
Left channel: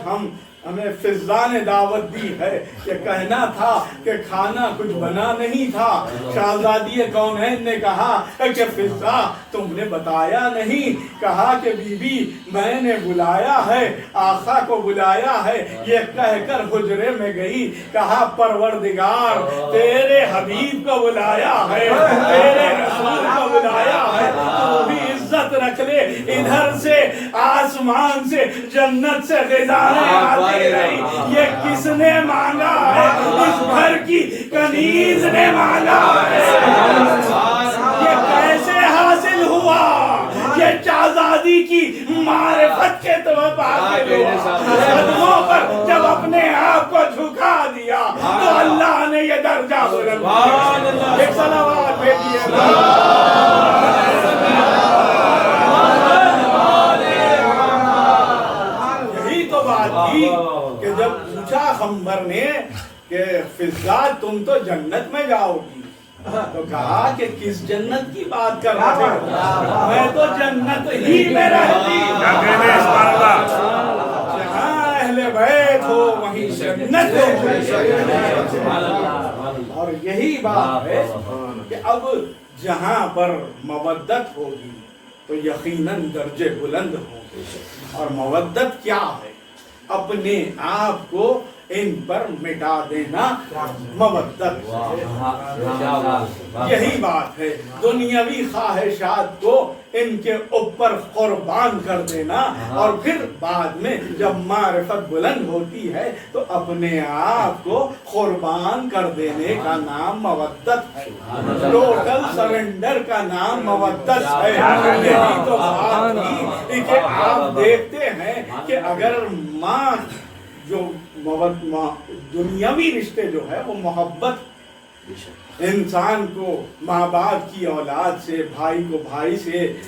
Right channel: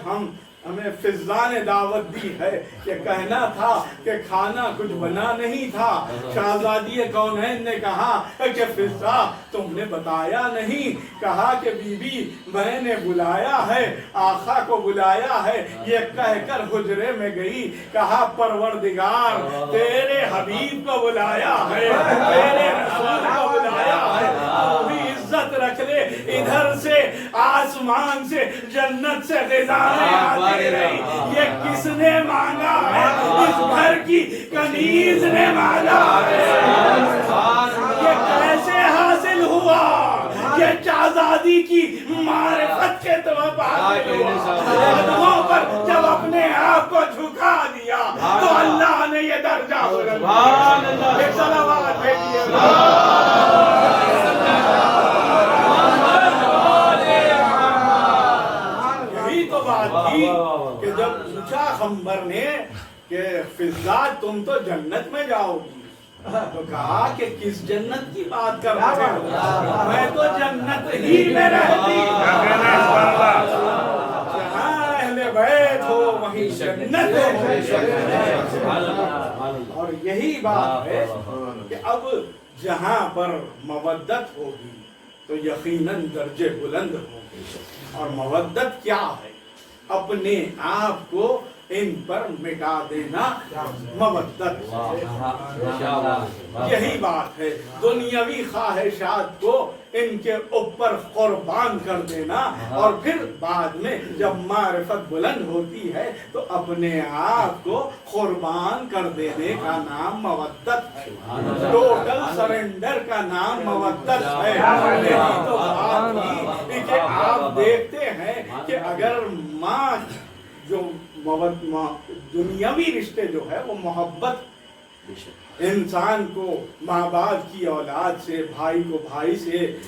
हमें फिजा ने दावत दी है, कि कहना था कि खाना कुछ बना नहीं था। शाहजादी कौनैन ने कहा कि फिजा तुमने बताया नहीं, कहा कि बीबी मैंने बुलाया है, आका को बुलाया है, ये कहकर हुजरे में गई, कहा परवरदिगार तेरे हबीब को बुलाया है, तेरे रसूल को बुलाया है, तू भी इज्जत रख ले। इधर से आसमान से जन्नत से ग़िज़ाएं आती रही, ये किसने मांगा है? इस घर की कनीज ने मांगा है। ये कैसे हासिल हुआ? ये आजादी की मारिफत के तुम्हें हासिल हुआ। कदमों पर जब अपने आप को झुका दिया तो अल्लाह ने ये दर्जा बुलंद किया। एक सलावत भेजिए। यही तो बात थी कि जब पूछा खंबर ने कि फिजा तुम तो जन्नत में जाओगी, तो कहा कि किस जन्नत की बात कर रहे हो? मैं तो जन्नत ही में रहती, जहाँ अहले बैत हो वहीं जन्नत हो। और यही बात है कि अब जहाँ पर मवद्दत होगी तो यकीनन दर्जे बुलंद होंगे। और मवद्दत क्या है? अपने आप को इन पर मिटा देना मवद्दत। यही बात है, दुनियावी ख्वाहिशात को इनके ऊपर कुर्बान कर देना। और फिर बाद में जब मारिफत बुलंद होती है तो अपने आप को कुर्बान कर देने का नाम मवद्दत है। टोटल सरेंडर का नाम मवद्दत है। यही तो बात थी कि आप देखते हैं कि अगर माँ जो दुनियावी रिश्ते जो है वो मोहब्बत, इंसान को माँ बाप की औलाद से, भाई को भाई से,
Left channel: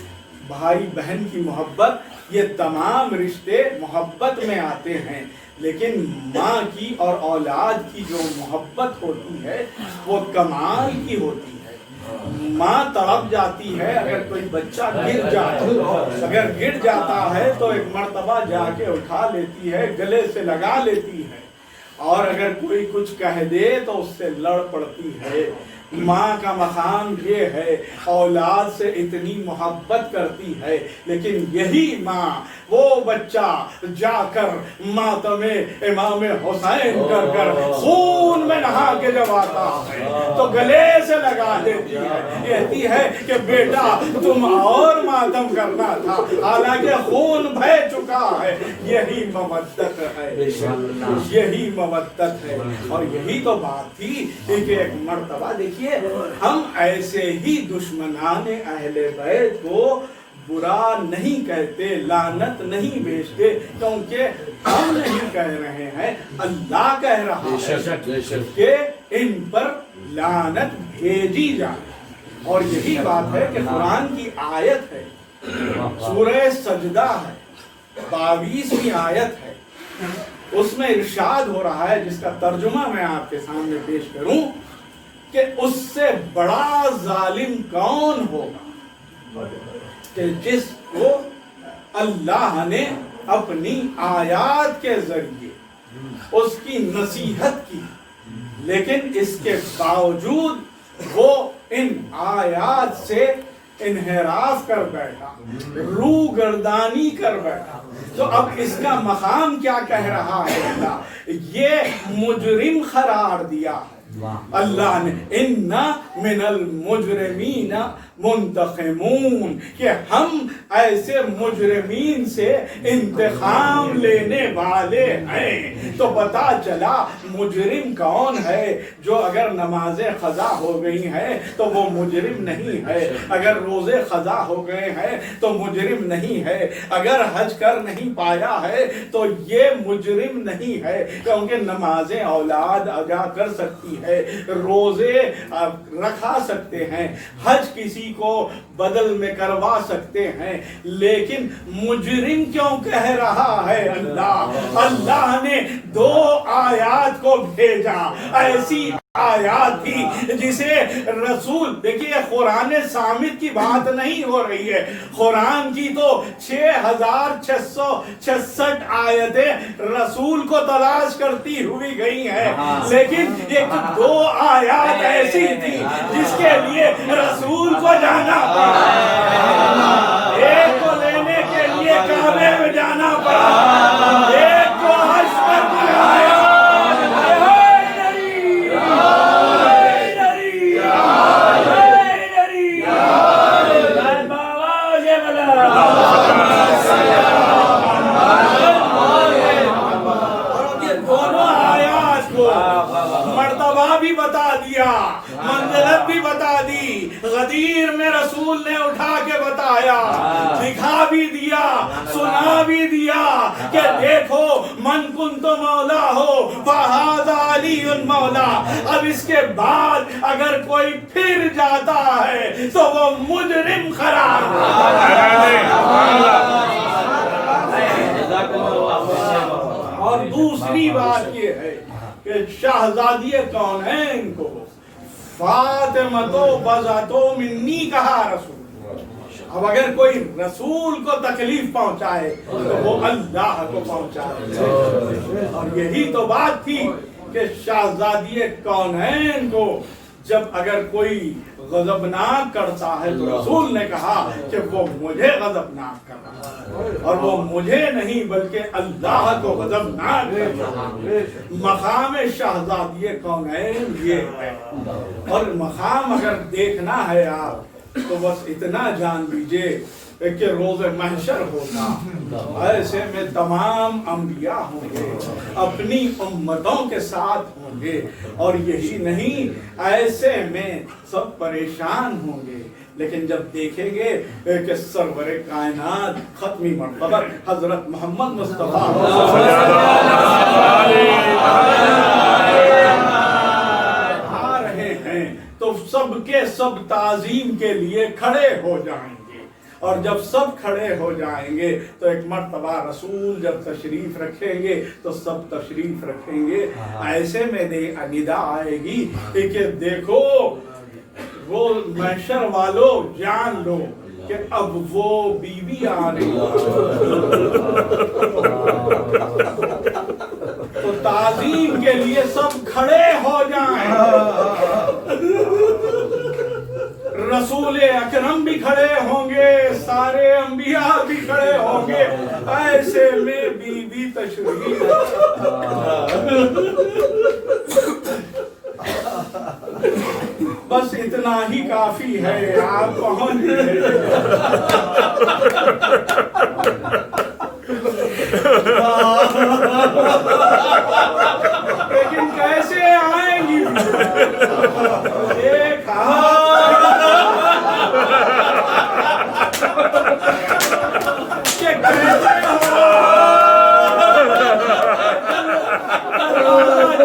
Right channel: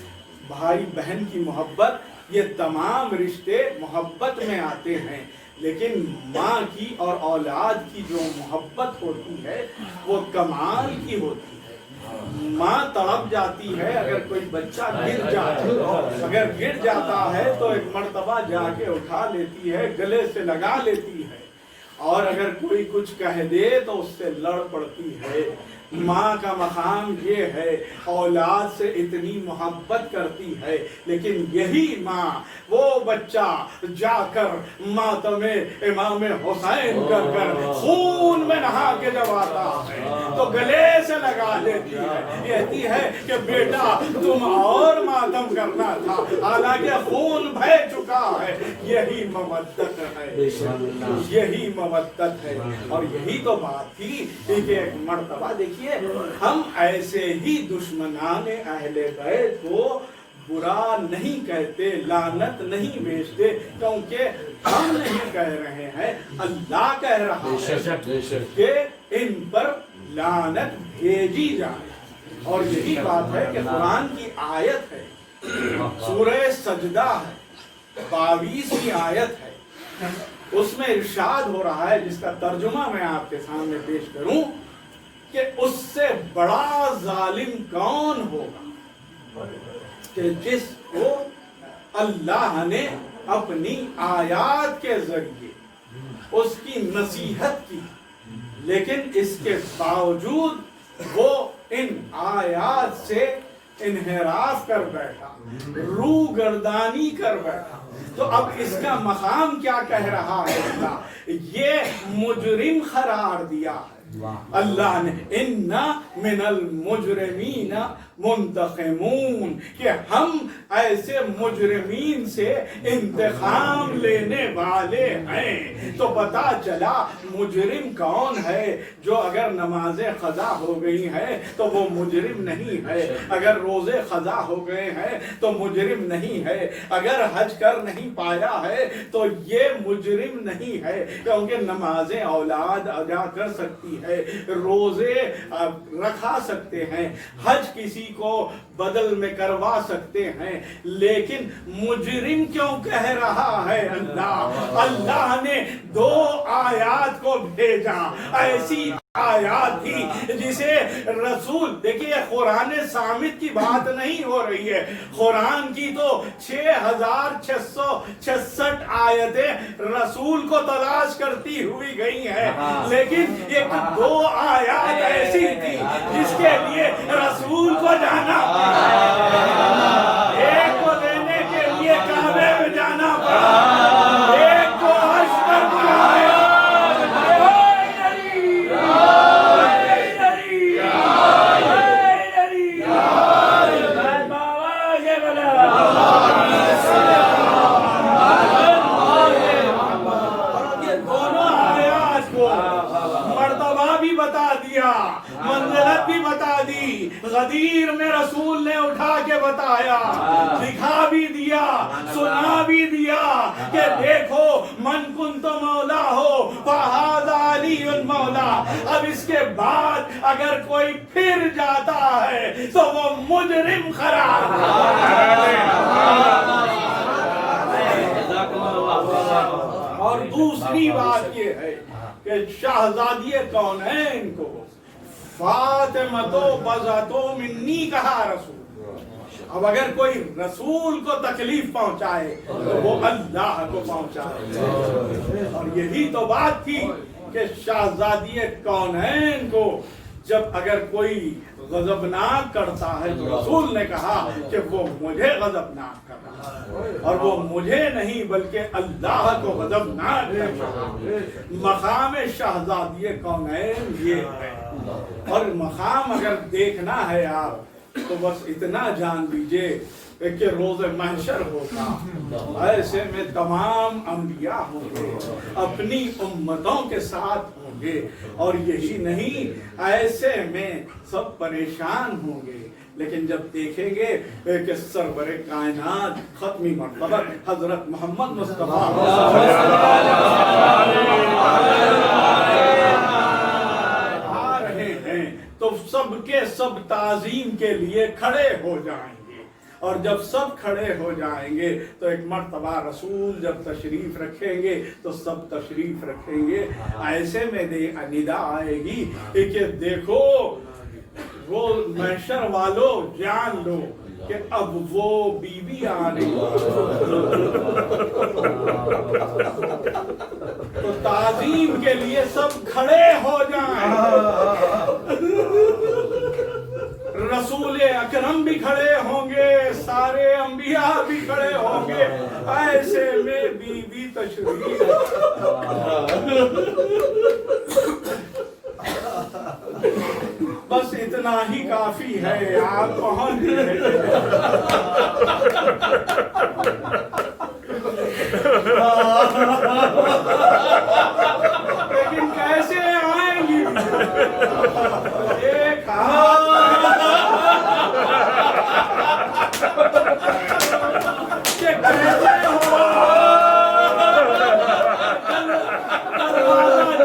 भाई बहन की मोहब्बत, ये तमाम रिश्ते मोहब्बत में आते हैं। लेकिन माँ की और औलाद की जो मोहब्बत होती है वो कमाल की होती है। माँ तड़प जाती है अगर कोई बच्चा गिर जाए, अगर गिर जाता है तो एक मर्तबा जाके उठा लेती है, गले से लगा लेती है। और अगर कोई कुछ कह दे तो उससे लड़ पड़ती है। माँ का मकाम ये है, औलाद से इतनी मोहब्बत करती है। लेकिन यही माँ वो बच्चा जाकर मातमे इमाम हुसैन कर कर खून में नहा के जब आता है तो गले से लगा लेती है, कहती है कि बेटा तुम और मातम करना था, हालांकि खून बह चुका है। यही मवद्दत है, यही मवद्दत है। और यही तो बात थी कि एक मर्तबा देखिए, हम ऐसे ही दुश्मनाने अहले बैत को बुरा नहीं कहते, लानत नहीं भेजते, क्योंकि हम नहीं कह रहे हैं, अल्लाह कह रहा है कि इन पर लानत भेजी जाए। और यही बात है कि कुरान की आयत है, सूरह सजदा है, 22वीं आयत है, उसमें इरशाद हो रहा है, जिसका तर्जुमा मैं आपके सामने पेश करूं कि उससे बड़ा जालिम कौन होगा कि जिसको अल्लाह ने अपनी आयात के जरिए उसकी नसीहत की, लेकिन इसके बावजूद वो इन आयात से इन्हिराफ कर बैठा, रूगर्दानी कर बैठा। तो अब इसका मकाम क्या कह रहा है अल्लाह? ये मुजरिम करार दिया है अल्लाह ने, इन्ना मिनल मुजरिमीना मुंतक़िमून, कि हम ऐसे मुजरिमीन से इंतकाम लेने वाले हैं। तो पता चला मुजरिम कौन है? जो अगर नमाजें क़ज़ा हो गई हैं तो वो मुजरिम नहीं है, अगर रोज़े क़ज़ा हो गए हैं तो मुजरिम नहीं है, अगर हज कर नहीं पाया है तो ये मुजरिम नहीं है, क्योंकि नमाजें औलाद अदा कर सकती है, रोज़े रखा सकते हैं, हज किसी को बदल में करवा सकते हैं। लेकिन मुजरिम क्यों कह रहा है अल्लाह? अल्लाह ने 2 आयात को भेजा, ऐसी आयात थी जिसे रसूल, देखिए कुरान सामित की बात नहीं हो रही है, कुरान की तो 6666 आयतें रसूल को तलाश करती हुई गई हैं, लेकिन एक 2 आयात ऐसी थी जिसके लिए रसूल को जाना पड़ा, एक को लेने के लिए काबे में जाना पड़ा, एक को हज पर बुलाया। मर्तबा भी बता बता दिया, मंजिलत भी बता दी, गदीर में रसूल ने उठा के बताया, दिखा भी दिया, सुना भी दिया कि देखो मन कुन तो मौला हो फहादा अलीउन मौला। अब इसके बाद अगर कोई फिर जाता है तो वो मुजरिम करार। और दूसरी बात ये है कि शहजादी कौनैन को फातिमा तो बज़ातो मिन्नी कहा रसूल। अब अगर कोई रसूल को तकलीफ पहुंचाए तो वो अल्लाह को पहुंचाए। और यही तो बात थी कि शहजादी कौनैन को जब अगर कोई गजबनाक करता है तो रसूल ने कहा कि वो मुझे गजबनाक कर रहा है, और वो मुझे नहीं बल्कि अल्लाह को गजबनाक कर रहा है। मकाम शहजादी कौनैन ये है। और मकाम अगर देखना है आप तो बस इतना जान लीजिए कि रोज़ महशर होगा, ऐसे में तमाम अंबिया होंगे, अपनी उम्मतों के साथ होंगे, और यही नहीं ऐसे में सब परेशान होंगे। लेकिन जब देखेंगे कि सरवरे कायनात खत्मी मर्तबा हजरत मोहम्मद मुस्तफा आ रहे हैं तो सबके सब ताजीम के लिए खड़े हो जाएंगे। और जब सब खड़े हो जाएंगे तो एक मर्तबा रसूल जब तशरीफ रखेंगे तो सब तशरीफ रखेंगे। ऐसे में निदा आएगी कि देखो वो महशर वालों जान लो कि अब वो बीबी आ रही तो ताजीम के लिए सब खड़े हो जाएं। रसूल अकरम भी खड़े होंगे, सारे अंबिया भी खड़े होंगे, ऐसे में बीबी तशरीफ। बस इतना ही काफी है, आप पहुंच गए। लेकिन कैसे आएंगी? एक कि कैसे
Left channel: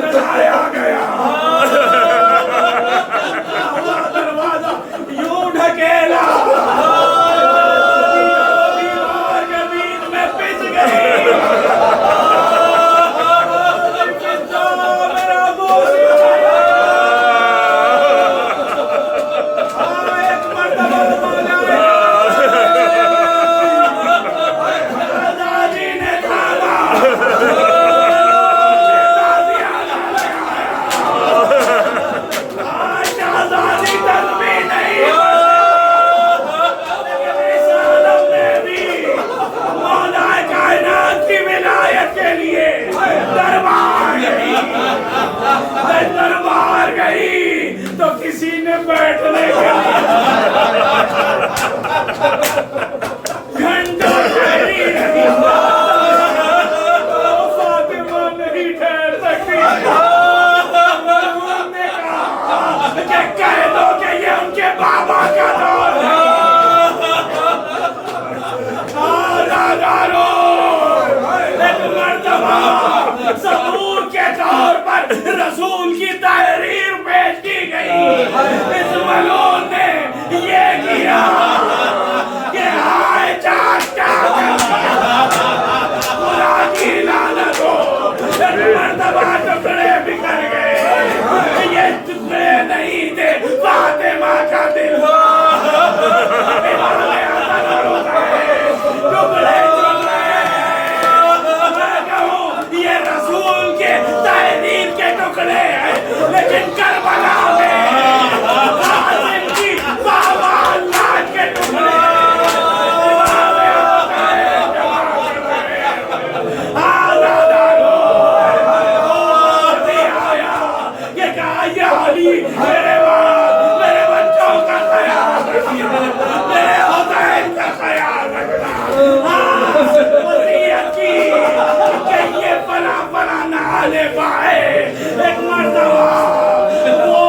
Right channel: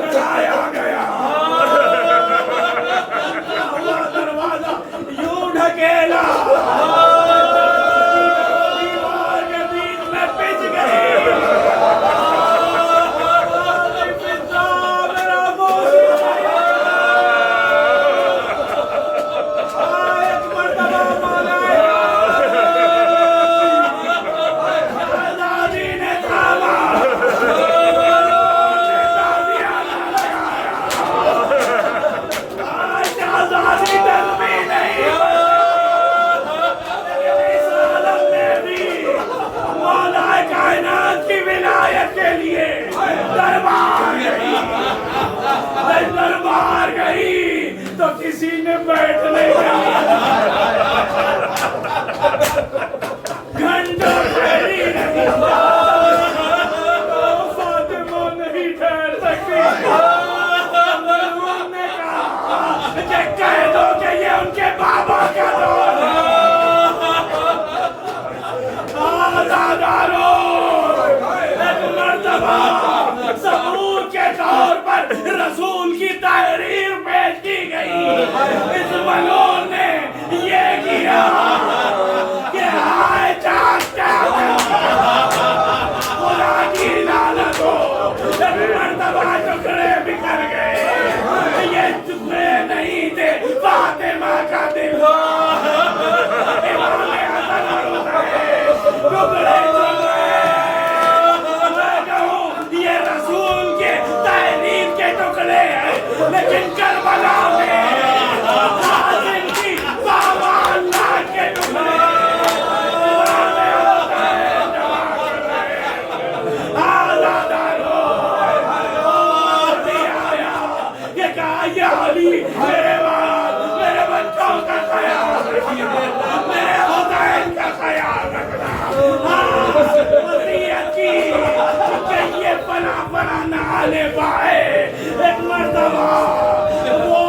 चढ़ाया गया दरवाजा यूं ढकेला, दीवार के बीच में पिस गई। मेरा बोल एक मर्तबा मांगा दादी ने थामा, शाहजादी तस्बीह नहीं मौला कायनात की विलायत के लिए दरबार गई। दरबार गई तो किसी ने बैठने के लिए घंटों ठहरी रही, फातिमा नहीं ठहर सकती। ने कहा कि कह दो कि ये उनके बाबा का दौर है। एक मर्तबा सबूत के तौर पर रसूल की तहरीर पेश की गई। इस मलून ने ये किया कि हाय चाचा खुदा की लानत हो, एक मर्तबा टुकड़े बिखर गए। ये टुकड़े नहीं थे फातिमा का दिल, टुकड़े ये रसूल के तहरीर के टुकड़े हैं। लेकिन करबला में कासिम की बाबा अल्लाह के टुकड़े मेरे बच्चों का ख्याल रखिए, मेरे हुसैन का ख्याल रखना। वसीयत की कि ये बना ना ले पाए। एक मर्तबा वो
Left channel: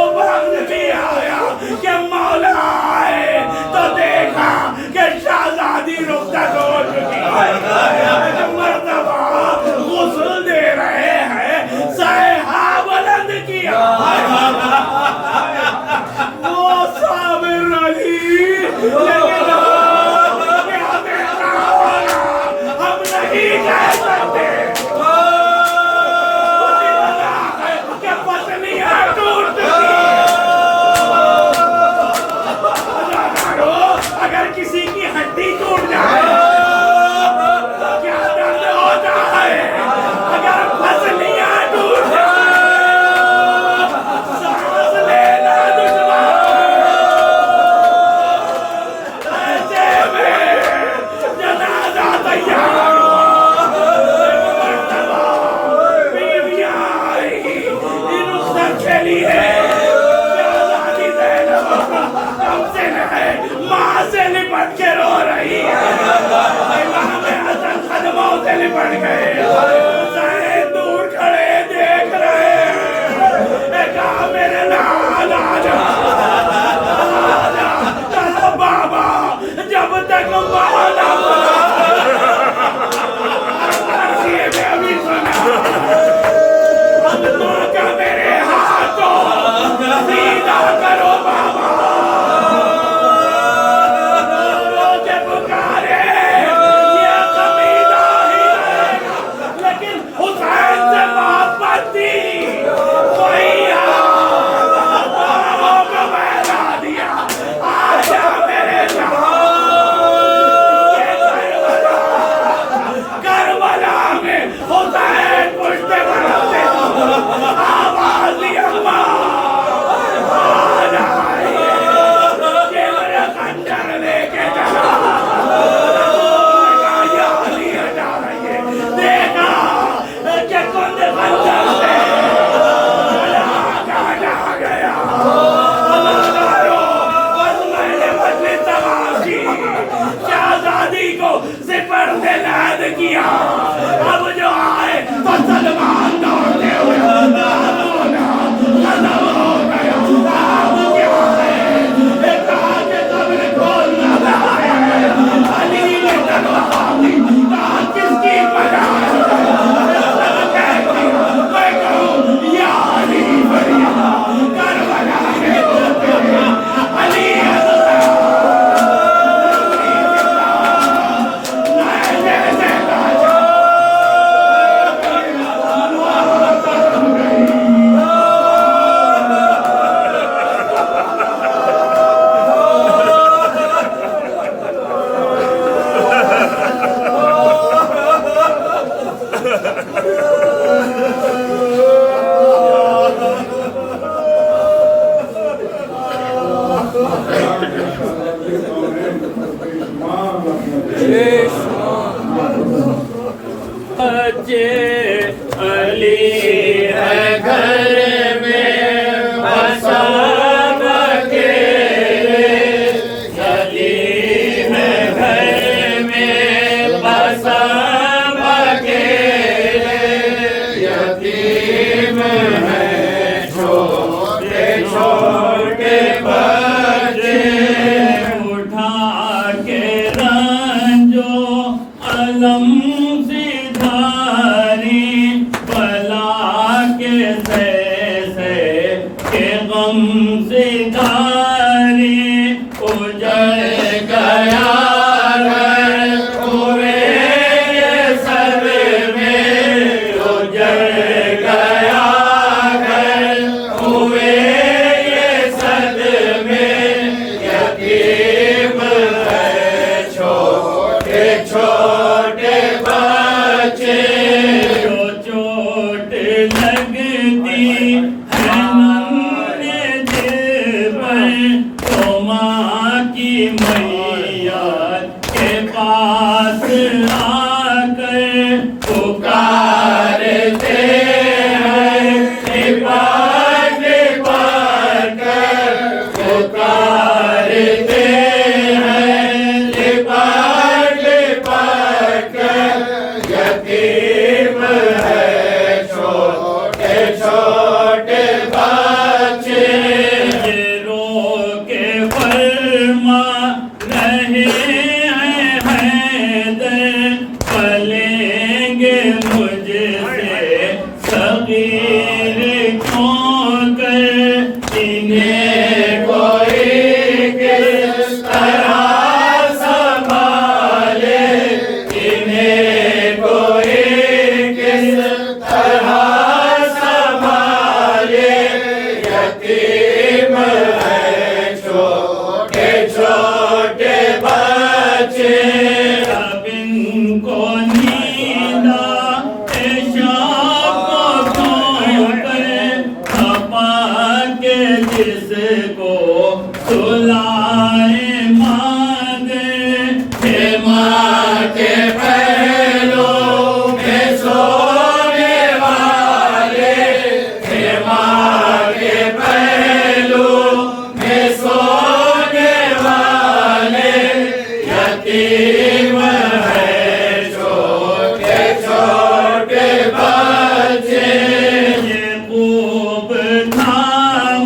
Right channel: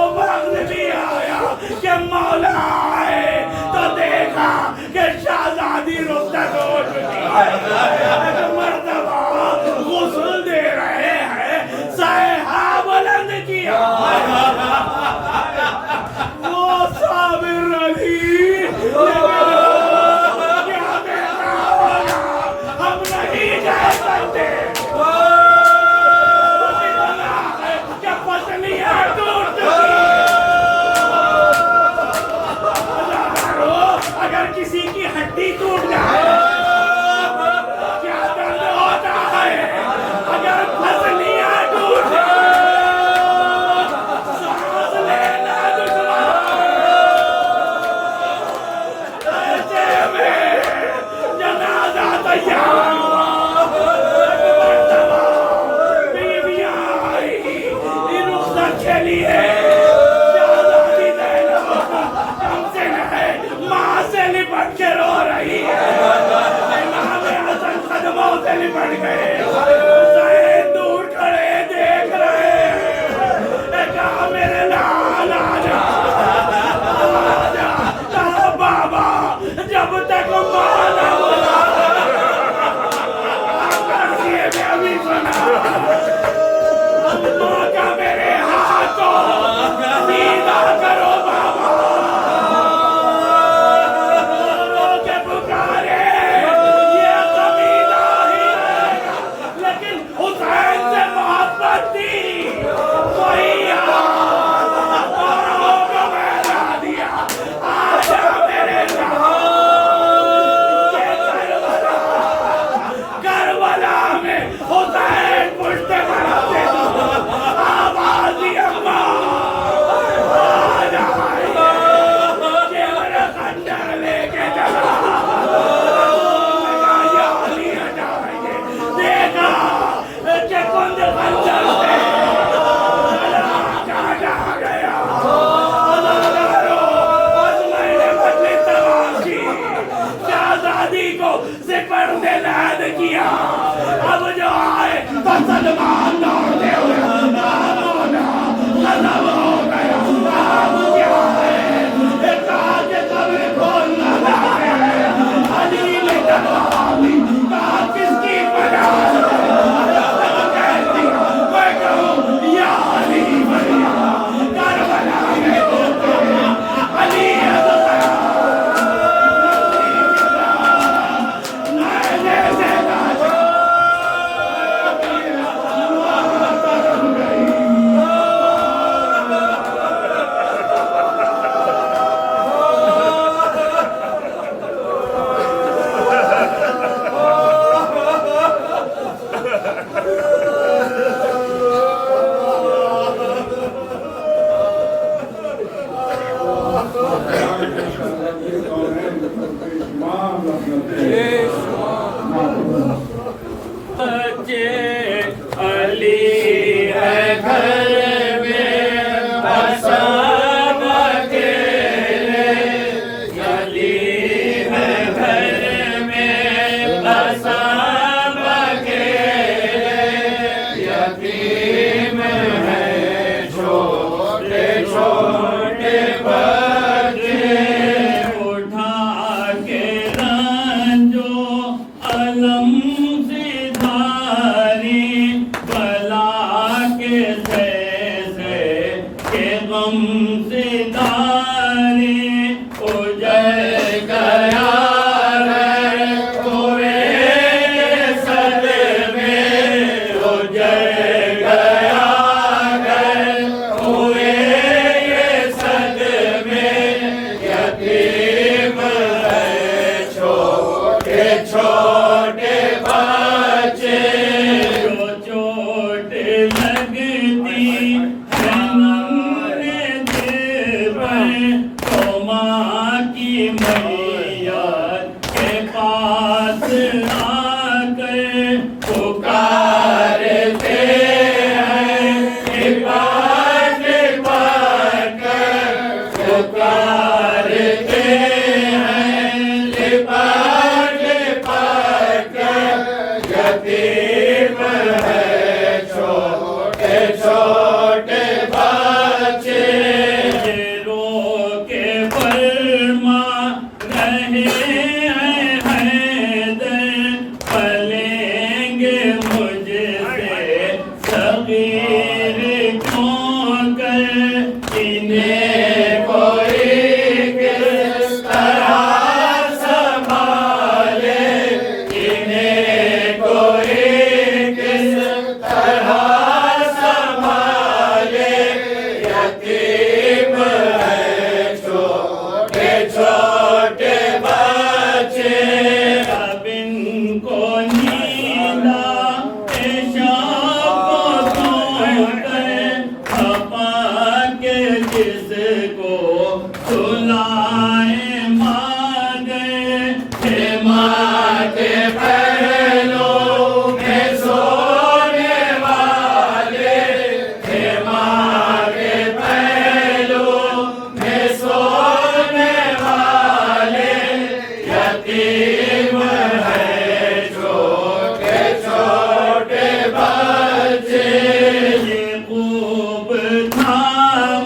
मेरे लाल आजा बाबा, जब तक माँ ना बोला में अभी सुना माँ का मेरे हाथों सीधा करो बाबा। रोज पुकारे ये कमीना ही रहेगा, लेकिन हुसैन से मोहब्बत थी वही मैदा दिया। आजा मेरे करबला में हुसैन पुश्ते बढ़ते आवाज दी अम्मा जेवर खंजर लेके चला देखा कि कुंद खंजर से जा गया। बस मैंने बदली तबाह की, शहजादी को सिपरने लैद किया। अब जो आए तो सलमान दौड़ते हुए खत्म हो गया। अब क्या है कहा कि कब्र खोलना है, अली ने तलवार दी, कहा किसकी मजाल मैं कहूँ या अली भैया करबला में अली अली है घर में बसा अकेले, अली है घर में बसा अकेले, यतीम है छोटे छोटे बच्चे, उठा के रंजो अलम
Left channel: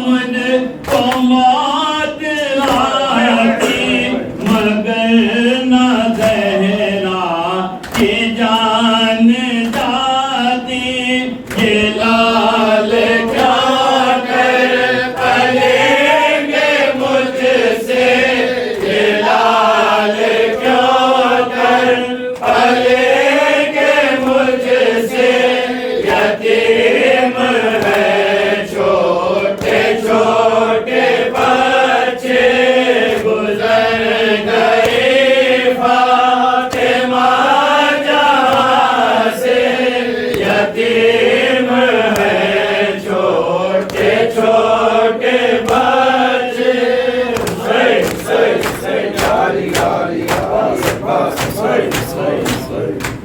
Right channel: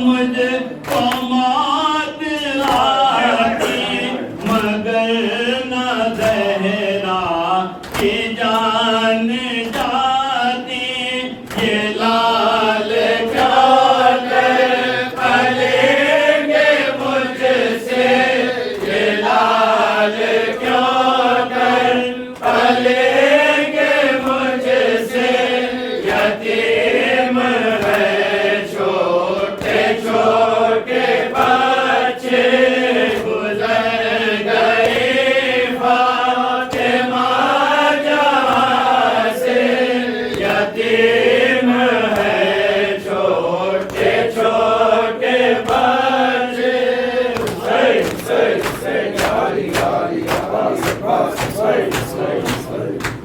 मुझको मौत आती मगर न जहरा की जान जाती ये लाल क्या कर पलेंगे मुझसे ये लाल क्या कर पलेंगे मुझसे यतीम है छोटे छोटे बच्चे गुजर गए फातिमा जहाँ से यतीम है छोटे छोटे बच्चे सही सही सही